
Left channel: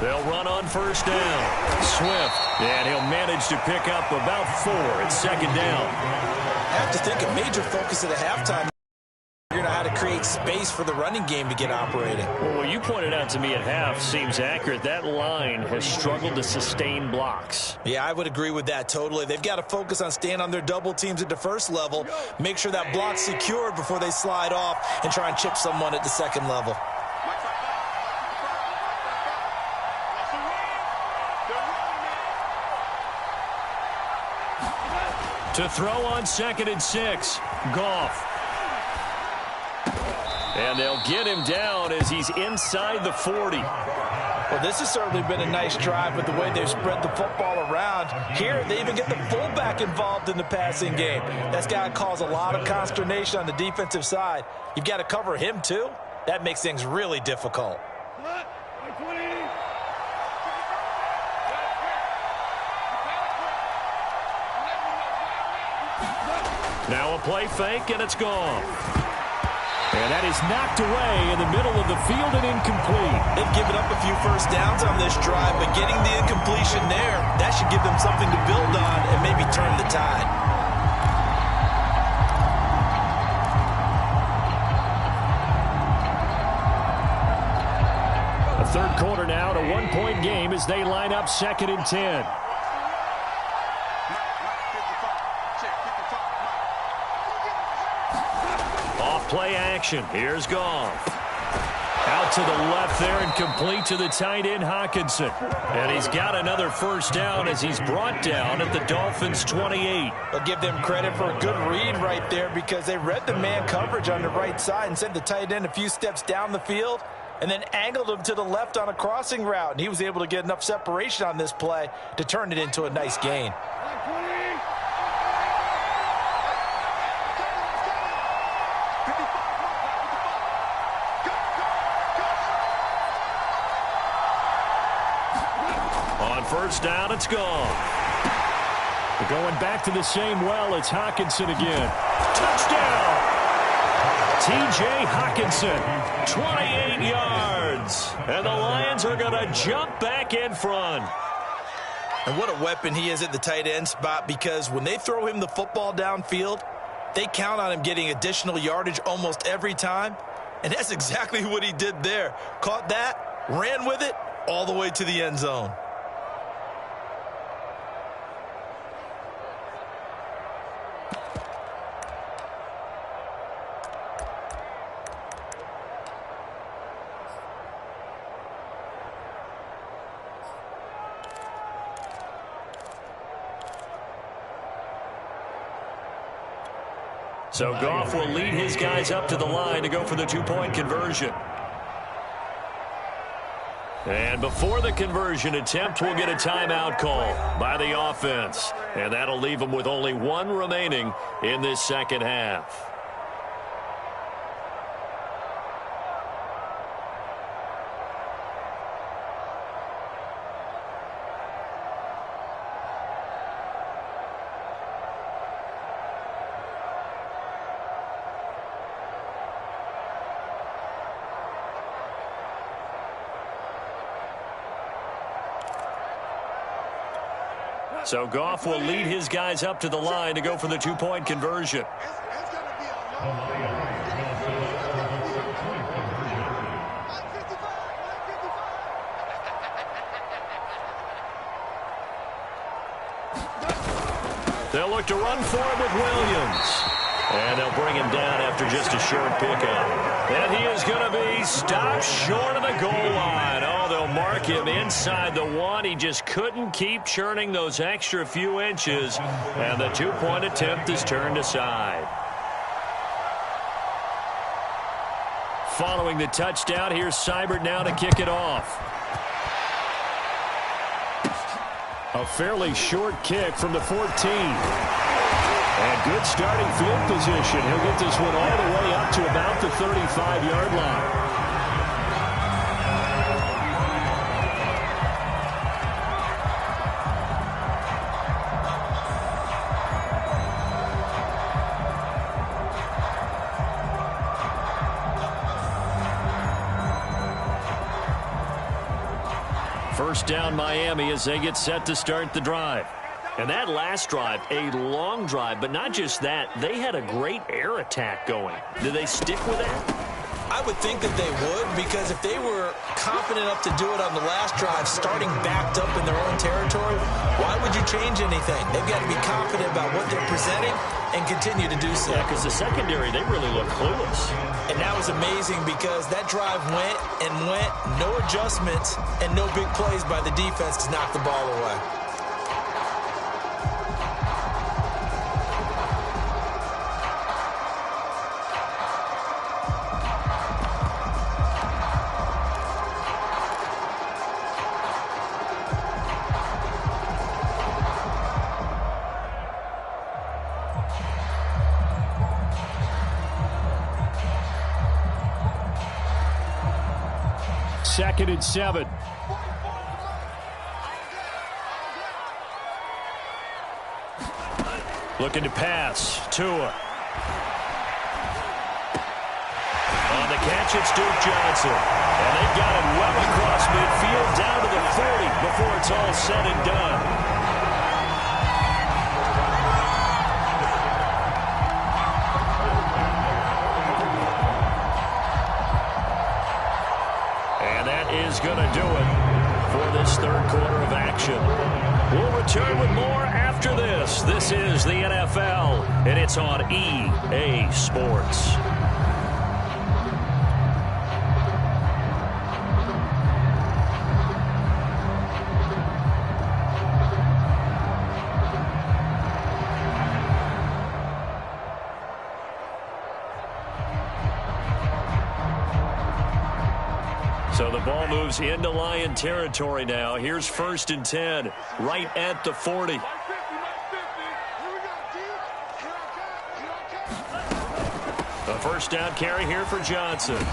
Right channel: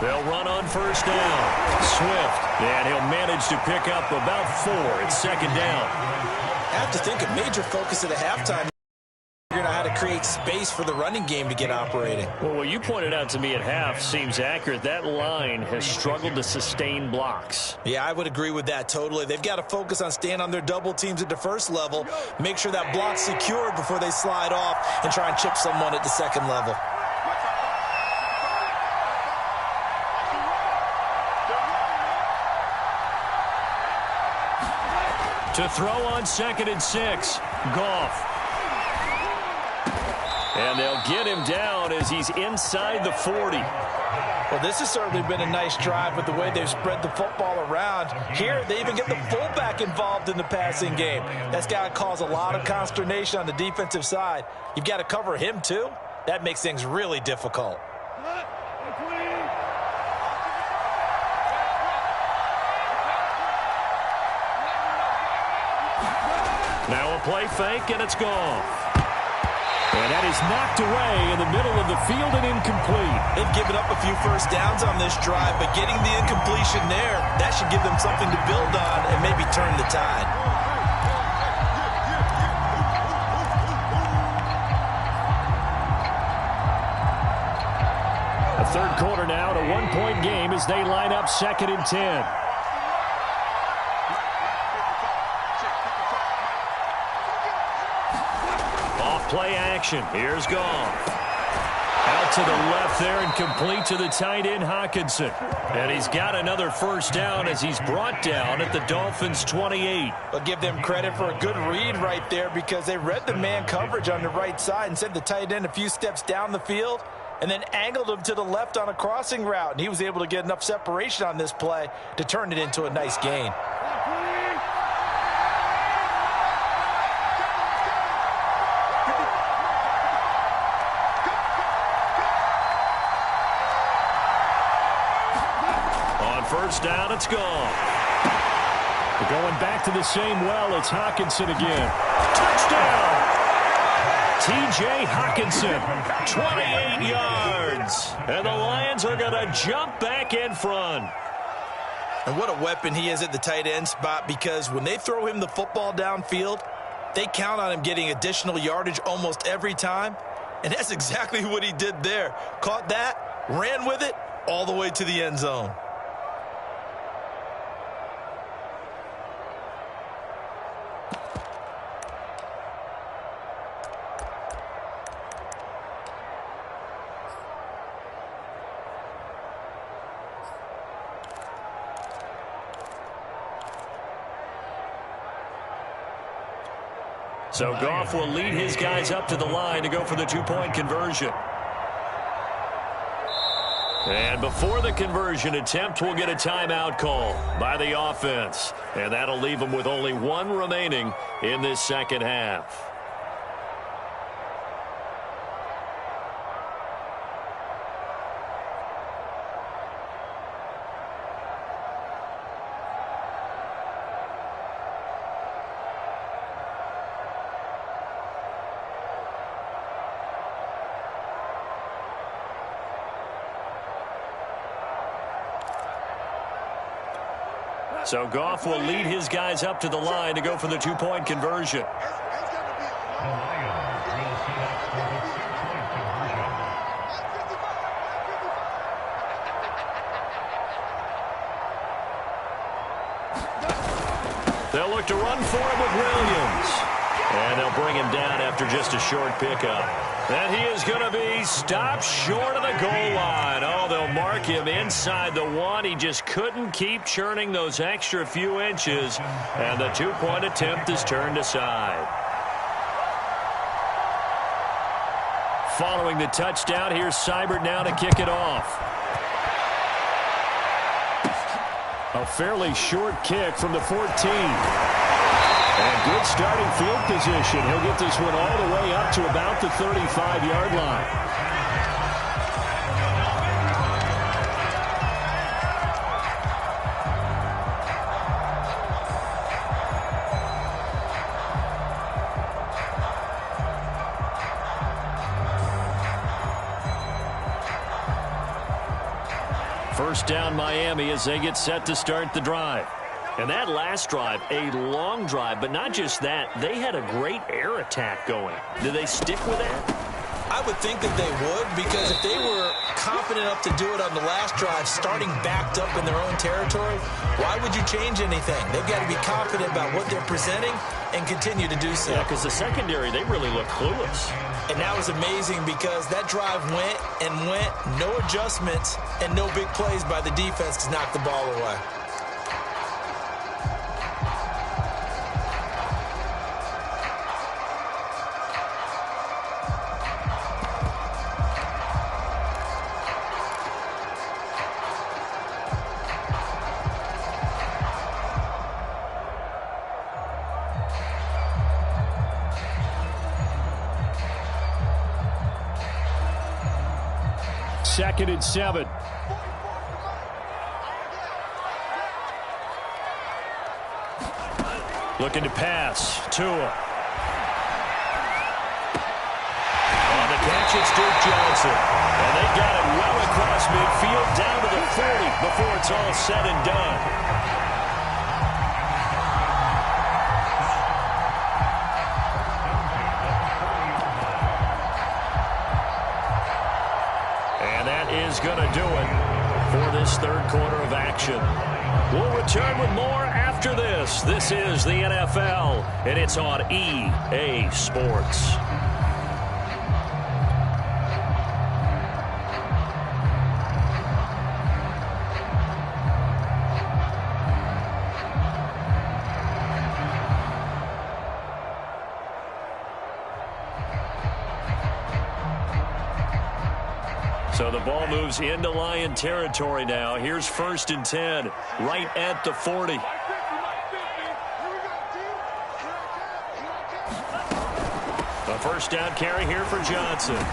They'll run on 1st down. Swift, and he'll manage to pick up about 4 at 2nd down. I have to think a major focus at the halftime. Figuring out how to create space for the running game to get operating. Well, what you pointed out to me at half seems accurate. That line has struggled to sustain blocks. Yeah, I would agree with that totally. They've got to focus on staying on their double teams at the 1st level, make sure that block's secured before they slide off and try and chip someone at the 2nd level. To throw on 2nd and 6, Goff. And they'll get him down as he's inside the 40. Well, this has certainly been a nice drive with the way they've spread the football around. Here, they even get the fullback involved in the passing game. That's got to cause a lot of consternation on the defensive side. You've got to cover him, too. That makes things really difficult. Now a play fake, and it's gone. And that is knocked away in the middle of the field and incomplete. They've given up a few first downs on this drive, but getting the incompletion there, that should give them something to build on and maybe turn the tide. A third quarter now, a one-point game as they line up 2nd and 10. Play action. Here's Goff. Out to the left there and complete to the tight end, Hockenson. And he's got another first down as he's brought down at the Dolphins' 28. But give them credit for a good read right there because they read the man coverage on the right side and sent the tight end a few steps down the field and then angled him to the left on a crossing route. And he was able to get enough separation on this play to turn it into a nice gain. First down, it's gone. Going back to the same well, it's Hockenson again. Touchdown! T.J. Hockenson, 28 yards. And the Lions are going to jump back in front. And what a weapon he is at the tight end spot because when they throw him the football downfield, they count on him getting additional yardage almost every time. And that's exactly what he did there. Caught that, ran with it, all the way to the end zone. So Goff will lead his guys up to the line to go for the two-point conversion. And before the conversion attempt, we'll get a timeout call by the offense. And that'll leave them with only one remaining in this second half. So Goff will lead his guys up to the line to go for the two-point conversion. They'll look to run for him with Williams. And they'll bring him down after just a short pickup. And he is going to be stopped short of the goal line. Oh, they'll mark him inside the one. He just couldn't keep churning those extra few inches. And the two-point attempt is turned aside. Following the touchdown, here's Seibert now to kick it off. A fairly short kick from the 14. And good starting field position. He'll get this one all the way up to about the 35-yard line. First down, Miami, as they get set to start the drive. And that last drive, a long drive, but not just that, they had a great air attack going. Do they stick with that? I would think that they would, because if they were confident enough to do it on the last drive, starting backed up in their own territory, why would you change anything? They've got to be confident about what they're presenting and continue to do so. Yeah, because the secondary, they really look clueless. And that was amazing because that drive went and went, no adjustments and no big plays by the defense to knock the ball away. 2nd and 7. Looking to pass. Tua. On the catch, it's Duke Johnson. And they got it well across midfield, down to the 40 before it's all said and done. And that is going to do it for this third quarter of action. We'll return with more after this. This is the NFL, and it's on EA Sports. So the ball moves into Lion territory now. Here's 1st and 10, right at the 40. A first down carry here for Johnson.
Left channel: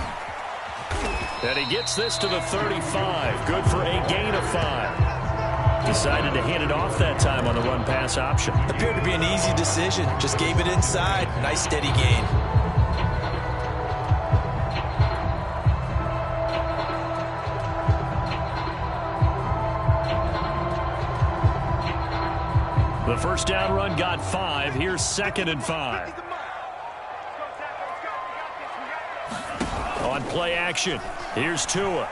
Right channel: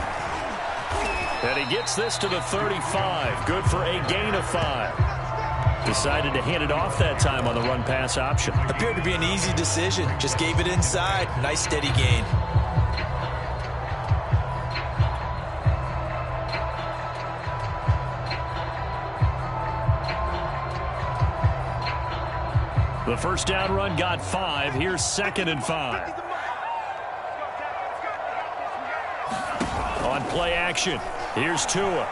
And he gets this to the 35. Good for a gain of 5. Decided to hand it off that time on the run-pass option. Appeared to be an easy decision. Just gave it inside. Nice steady gain. The first down run got 5. Here's 2nd and 5. On play action, here's Tua.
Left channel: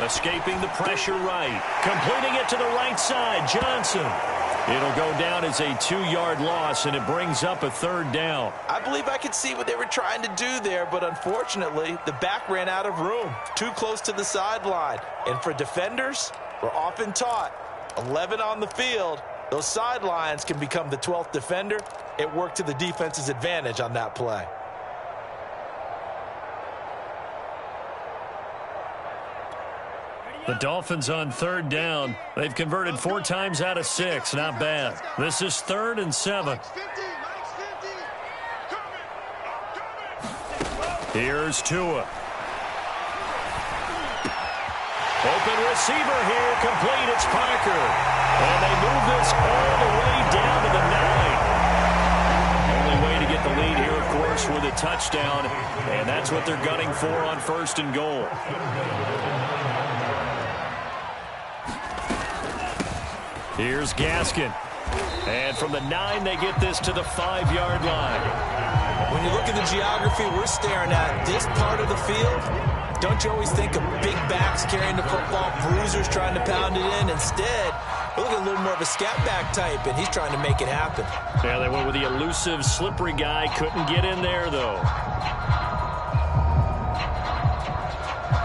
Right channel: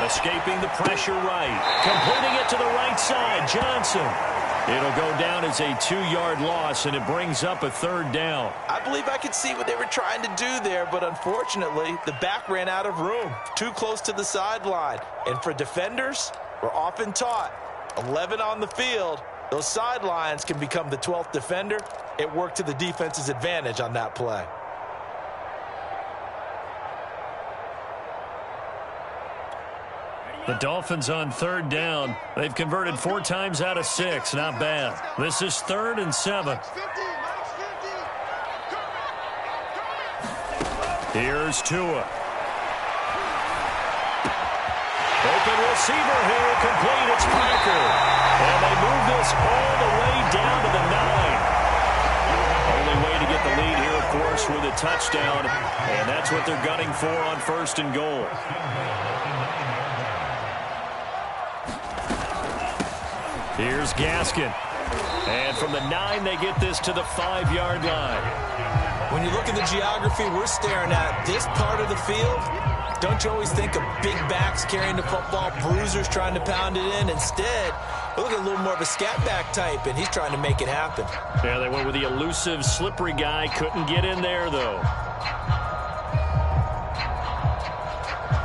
Escaping the pressure right. Completing it to the right side, Johnson. It'll go down as a 2-yard loss, and it brings up a 3rd down. I believe I could see what they were trying to do there, but unfortunately, the back ran out of room. Too close to the sideline. And for defenders, we're often taught, 11 on the field, those sidelines can become the 12th defender. It worked to the defense's advantage on that play. The Dolphins on 3rd down. They've converted 4 times out of 6. Not bad. This is 3rd and 7. Here's Tua. Open receiver here. Complete. It's Parker. And they move this all the way down to the 9. Only way to get the lead here, of course, with a touchdown. And that's what they're gunning for on 1st and goal. Here's Gaskin. And from the 9, they get this to the 5-yard line. When you look at the geography we're staring at, this part of the field, don't you always think of big backs carrying the football, bruisers trying to pound it in? Instead, we look at a little more of a scat back type, and he's trying to make it happen. Yeah, they went with the elusive, slippery guy. Couldn't get in there, though.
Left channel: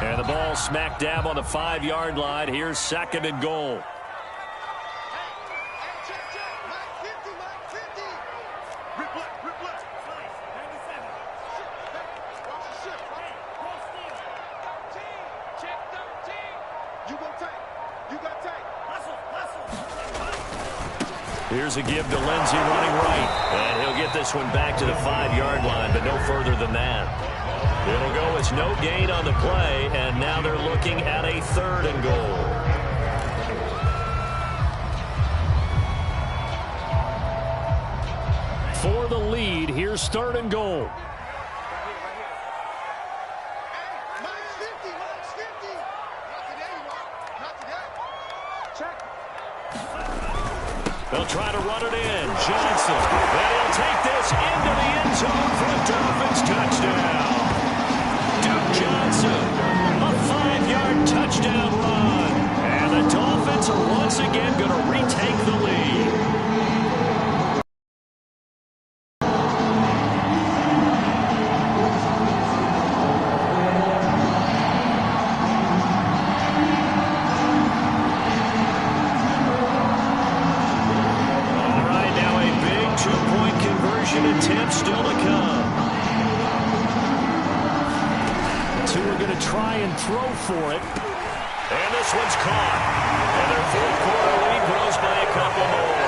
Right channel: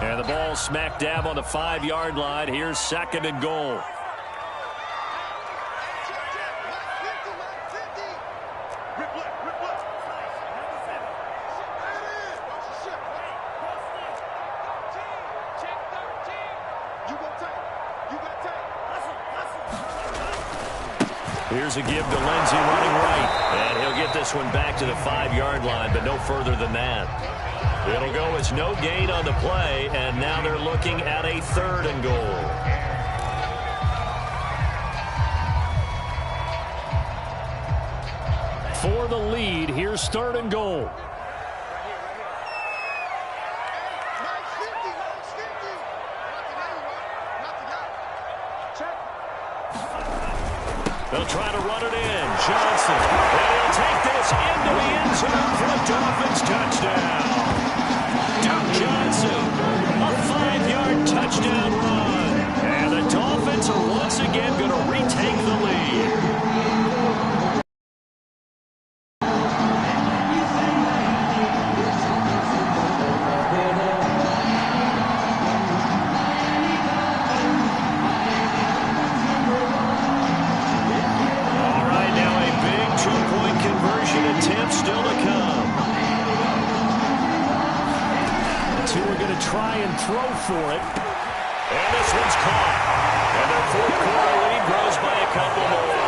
And the ball smack dab on the 5-yard line. Here's 2nd and goal. Here's a give to Lindsey running right. And he'll get this one back to the 5-yard line, but no further than that. It'll go as no gain on the play, and now they're looking at a 3rd and goal. For the lead, here's 3rd and goal. They'll try to run it in. Johnson. And he'll take this into the end zone for a Dolphins touchdown. Duke Johnson. A 5-yard touchdown run. And the Dolphins are once again going to retake the lead. Attempt still to come. The two are going to try and throw for it. And this one's caught. And their fourth quarter lead grows by a couple more.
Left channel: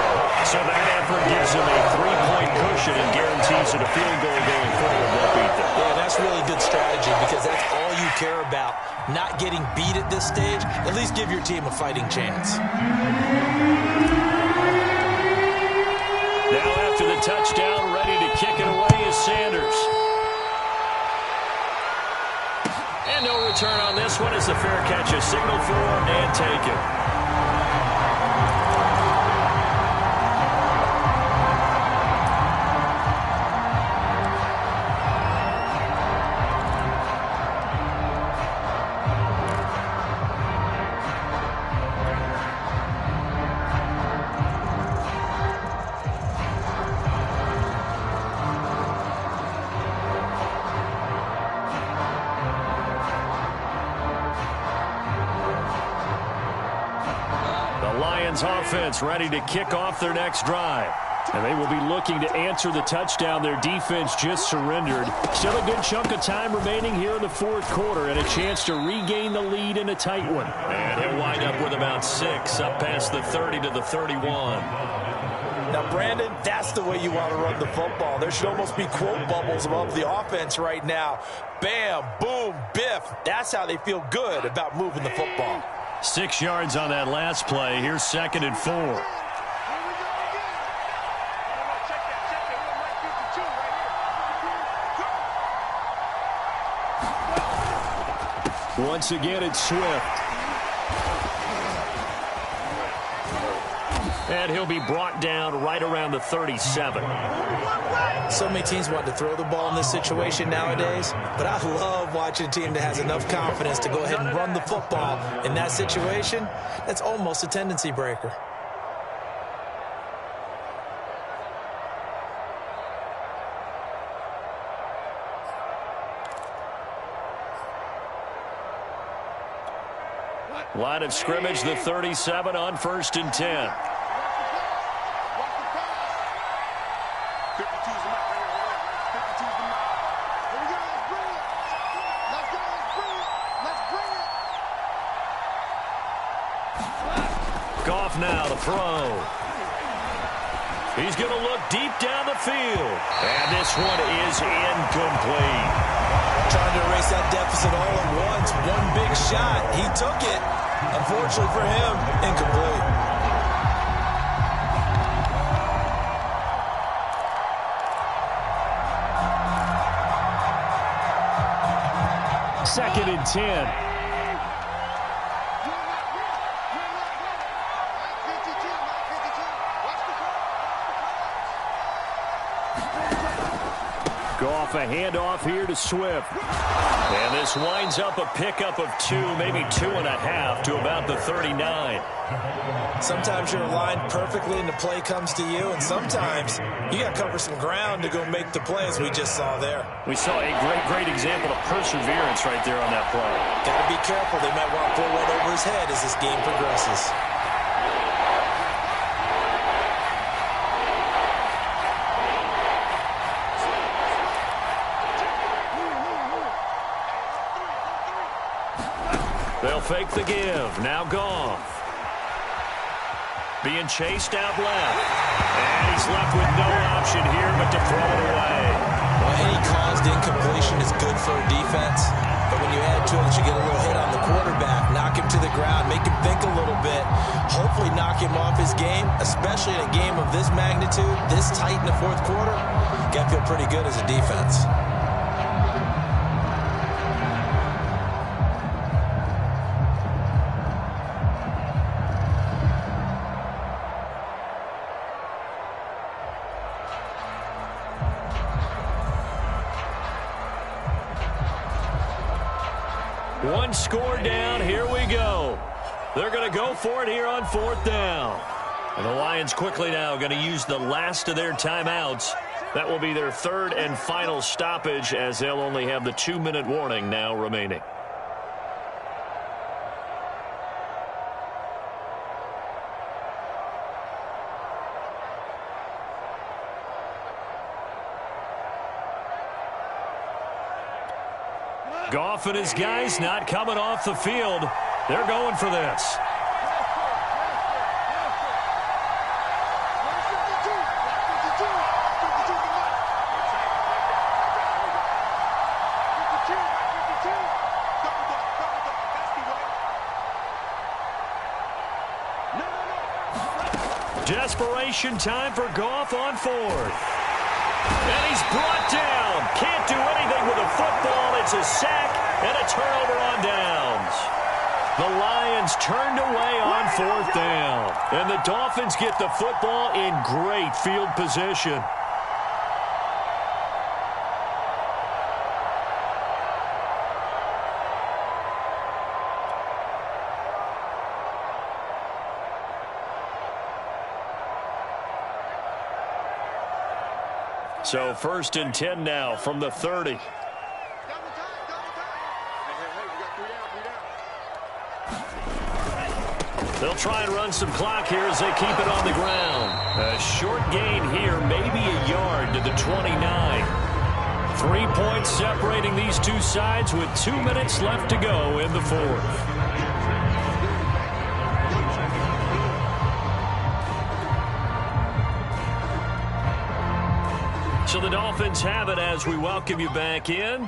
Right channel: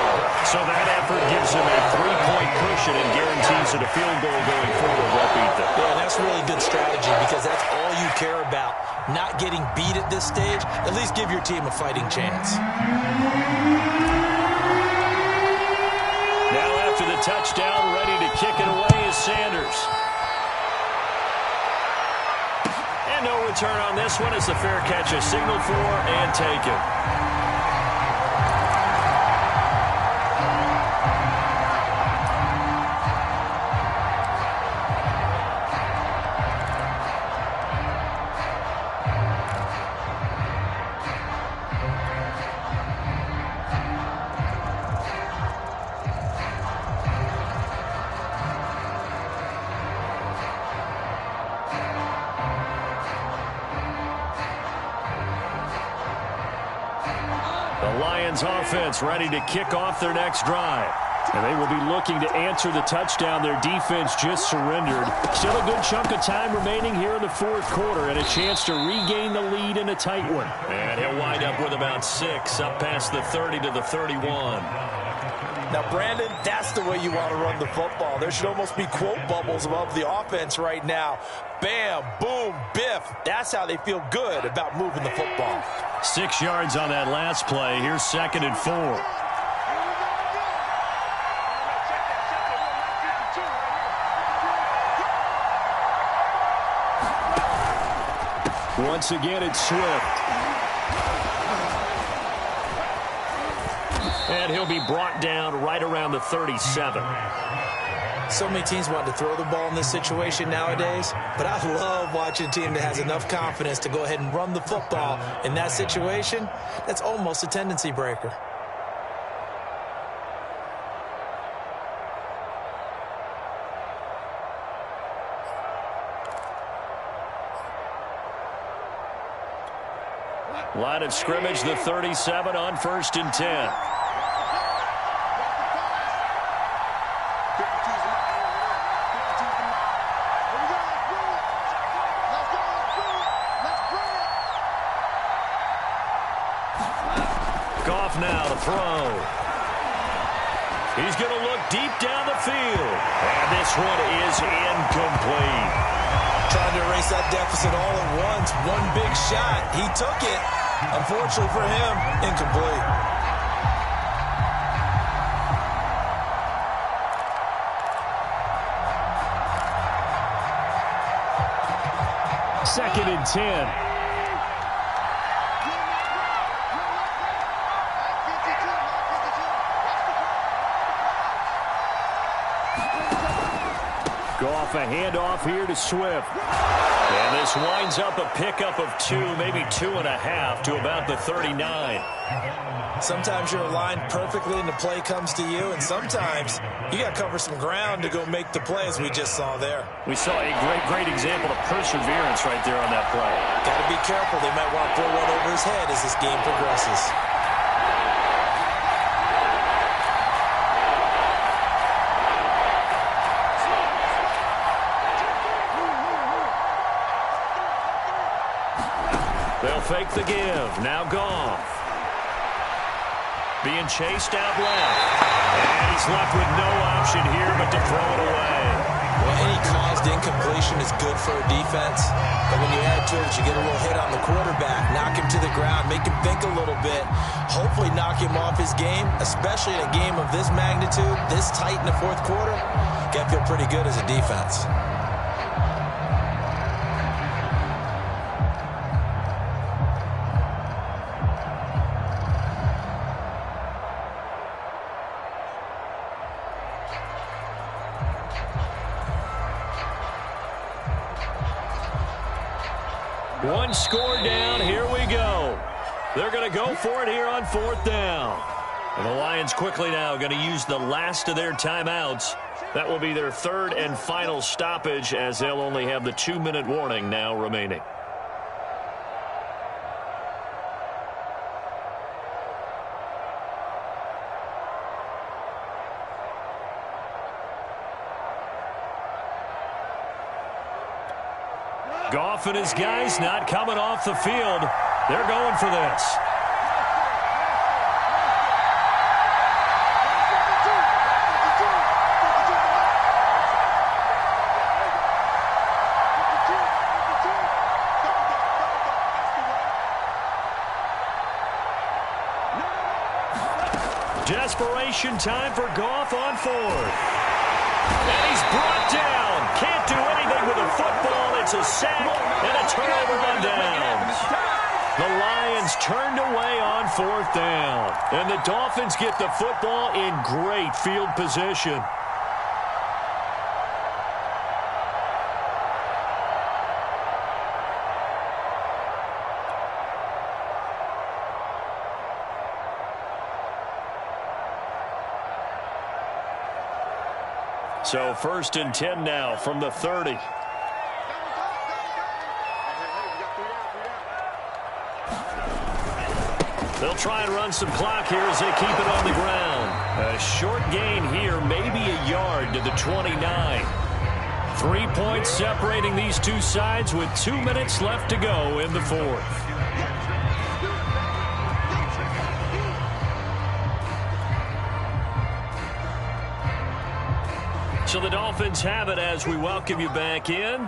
So that effort gives them a 3-point cushion and guarantees that a field goal going forward won't beat them. Yeah, that's really good strategy because that's all you care about. Not getting beat at this stage. At least give your team a fighting chance. Now after the touchdown, ready to kick it away is Sanders. And no return on this one as the fair catch is signaled for and taken. The Lions offense ready to kick off their next drive. And they will be looking to answer the touchdown their defense just surrendered. Still a good chunk of time remaining here in the fourth quarter and a chance to regain the lead in a tight one. And he'll wind up with about 6 up past the 30 to the 31. Now, Brandon, that's the way you want to run the football. There should almost be quote bubbles above the offense right now. Bam, boom, biff. That's how they feel good about moving the football. 6 yards on that last play. Here's 2nd and 4. Once again, it's Swift. And he'll be brought down right around the 37. So many teams want to throw the ball in this situation nowadays, but I love watching a team that has enough confidence to go ahead and run the football in that situation. That's almost a tendency breaker. Line of scrimmage, the 37 on 1st and 10. Goff now to throw. He's going to look deep down the field. And this one is incomplete. Trying to erase that deficit all at once. One big shot. He took it. Unfortunately for him, incomplete. Second and 10. Goff, a handoff here to Swift. And this winds up a pickup of 2, maybe 2.5 to about the 39. Sometimes you're aligned perfectly and the play comes to you, and sometimes you got to cover some ground to go make the play, as we just saw there. We saw a great example of perseverance right there on that play. Got to be careful. They might want to throw one over his head as this game progresses. They'll fake the give. Now Goff. Being chased out left. And he's left with no option here but to throw it away. Well, any caused incompletion is good for a defense. But when you add to it that you get a little hit on the quarterback, knock him to the ground, make him think a little bit, hopefully knock him off his game, especially in a game of this magnitude, this tight in the fourth quarter, got to feel pretty good as a defense. One score down. Here we go. They're going to go for it here on 4th down. And the Lions quickly now going to use the last of their timeouts. That will be their 3rd and final stoppage as they'll only have the 2-minute warning now remaining. Goff and his guys not coming off the field. They're going for this. Desperation time for Goff on fourth. And he's brought down. Can't do anything with a football. It's a sack and a turnover on downs. The Lions turned away on fourth down. And the Dolphins get the football in great field position. So 1st and 10 now from the 30. They'll try and run some clock here as they keep it on the ground. A short gain here, maybe a yard to the 29. 3 points separating these two sides with 2 minutes left to go in the fourth. So the Dolphins have it as we welcome you back in.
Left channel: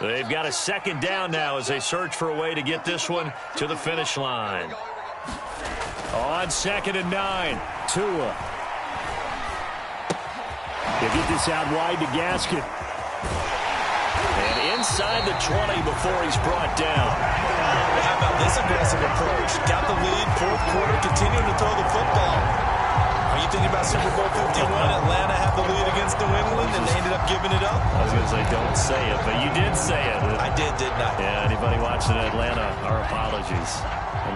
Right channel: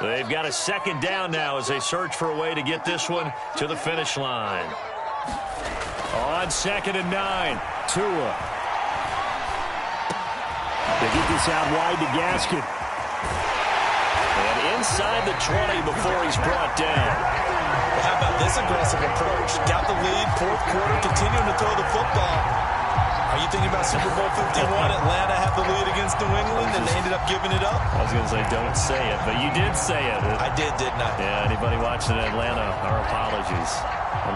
They've got a second down now as they search for a way to get this one to the finish line. On 2nd and 9, Tua. They get this out wide to Gaskin. And inside the 20 before he's brought down. Well, how about this aggressive approach? Got the lead, fourth quarter, continuing to throw the football. Are you thinking about Super Bowl 51? Atlanta had the lead against New England, and they ended up giving it up? I was going to say, don't say it, but you did say it. I did, didn't I? Yeah, anybody watching Atlanta, our apologies.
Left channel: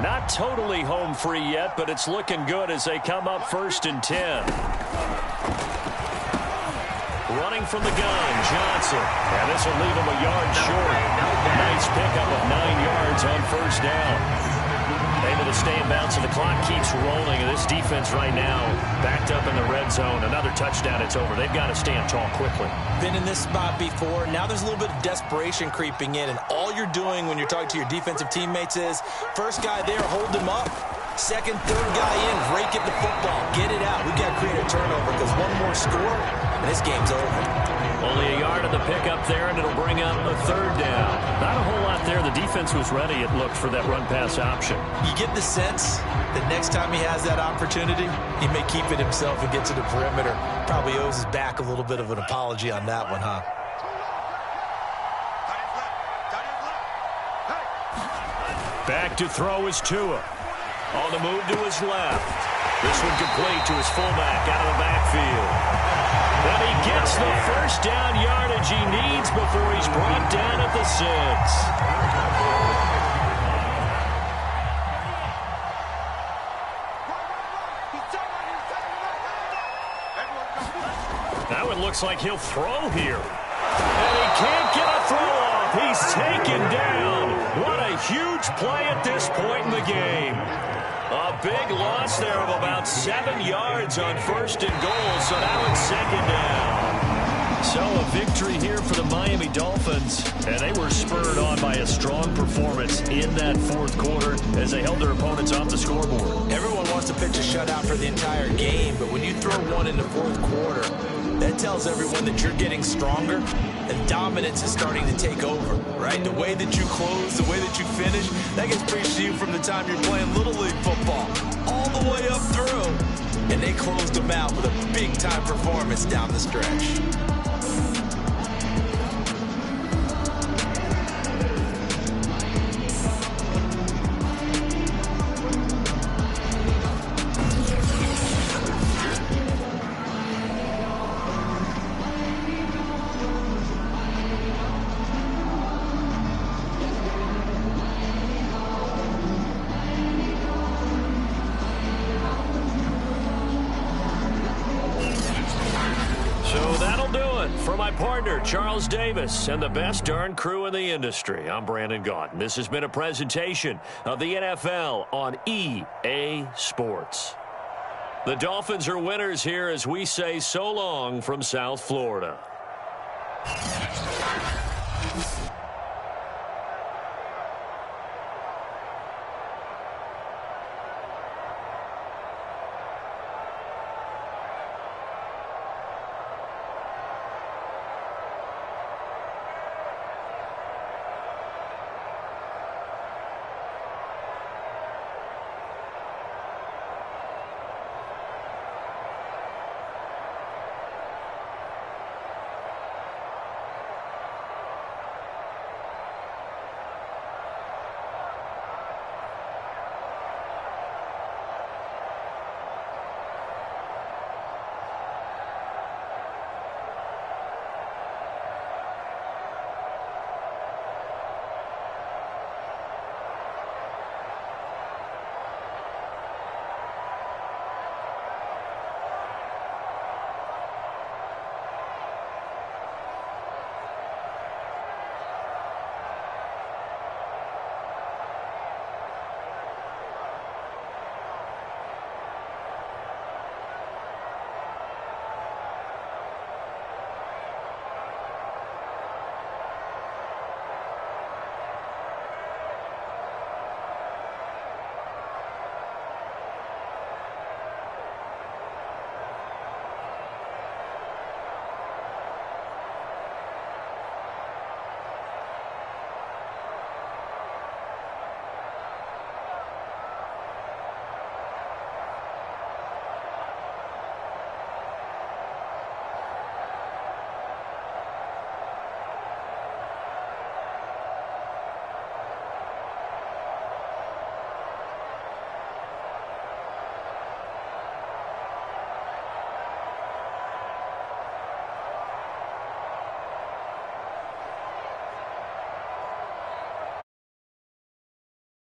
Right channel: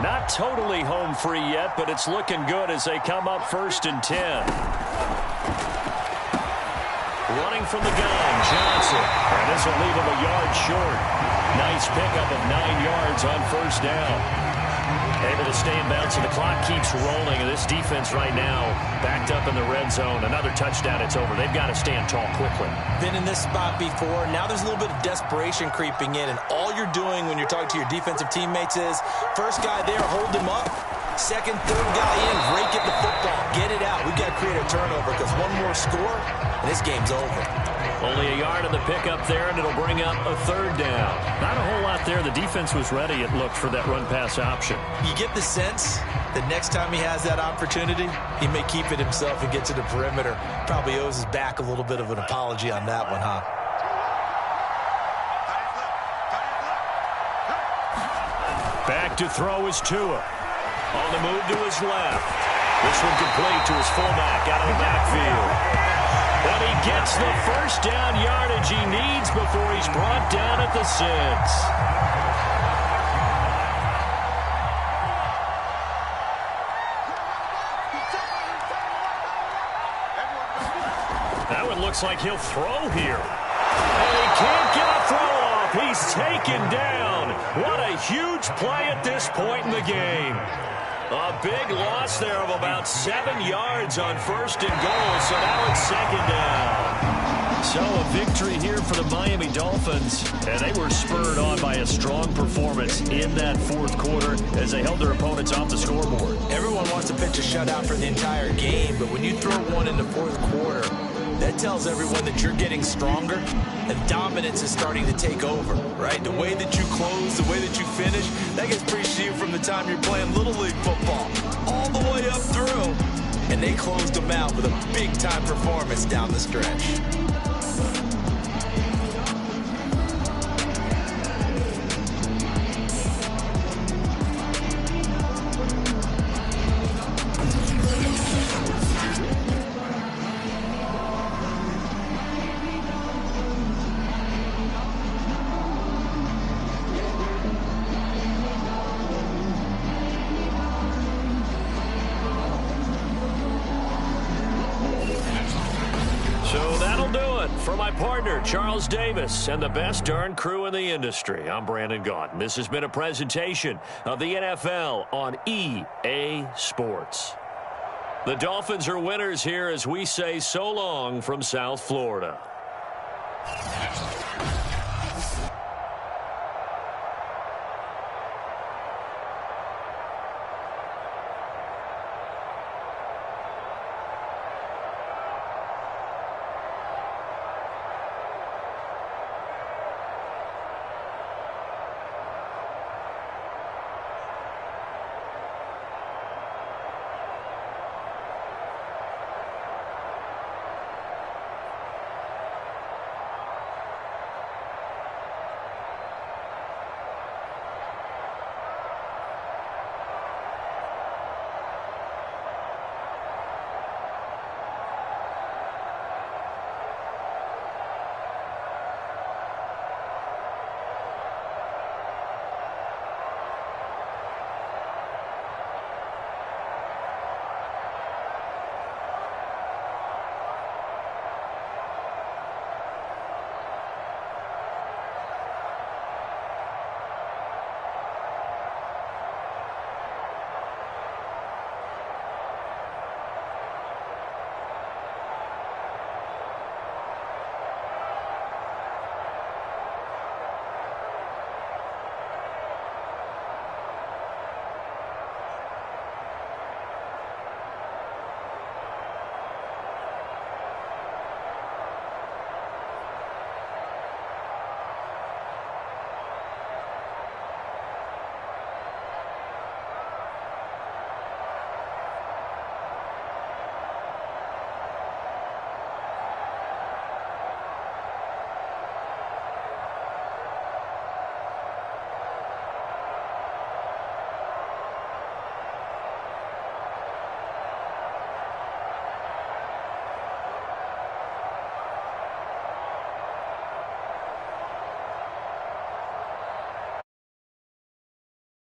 Not totally home free yet, but it's looking good as they come up 1st and 10. Running from the gun, Johnson. And this will leave him a yard short. Nice pickup of 9 yards on 1st down. Able to stay in bounds, and the clock keeps rolling. And this defense right now backed up in the red zone. Another touchdown, it's over. They've got to stand tall quickly. Been in this spot before. Now there's a little bit of desperation creeping in, and all you're doing when you're talking to your defensive teammates is first guy there, hold him up. Second, third guy in, rake at the football. Get it out. We've got to create a turnover because one more score, and this game's over. Only a yard of the pickup there, and it'll bring up a 3rd down. Not a whole lot there. The defense was ready, it looked, for that run-pass option. You get the sense that next time he has that opportunity, he may keep it himself and get to the perimeter. Probably owes his back a little bit of an apology on that one, huh? Back to throw is Tua. On the move to his left. This one complete to his fullback out of the backfield. And he gets the first down yardage he needs before he's brought down at the 6. Now it looks like he'll throw here. And he can't get a throw off. He's taken down. What a huge play at this point in the game. A big loss there of about 7 yards on 1st and goal, so now it's 2nd down. So a victory here for the Miami Dolphins, and they were spurred on by a strong performance in that fourth quarter as they held their opponents off the scoreboard. Everyone wants to pitch a shutout for the entire game, but when you throw one in the fourth quarter, that tells everyone that you're getting stronger and dominance is starting to take over, right? The way that you close, the way that you finish, that gets preached to you from the time you're playing Little League football all the way up through. And they closed them out with a big-time performance down the stretch. So that'll do it for my partner, Charles Davis, and the best darn crew in the industry. I'm Brandon Gaudin. This has been a presentation of the NFL on EA Sports. The Dolphins are winners here as we say so long from South Florida.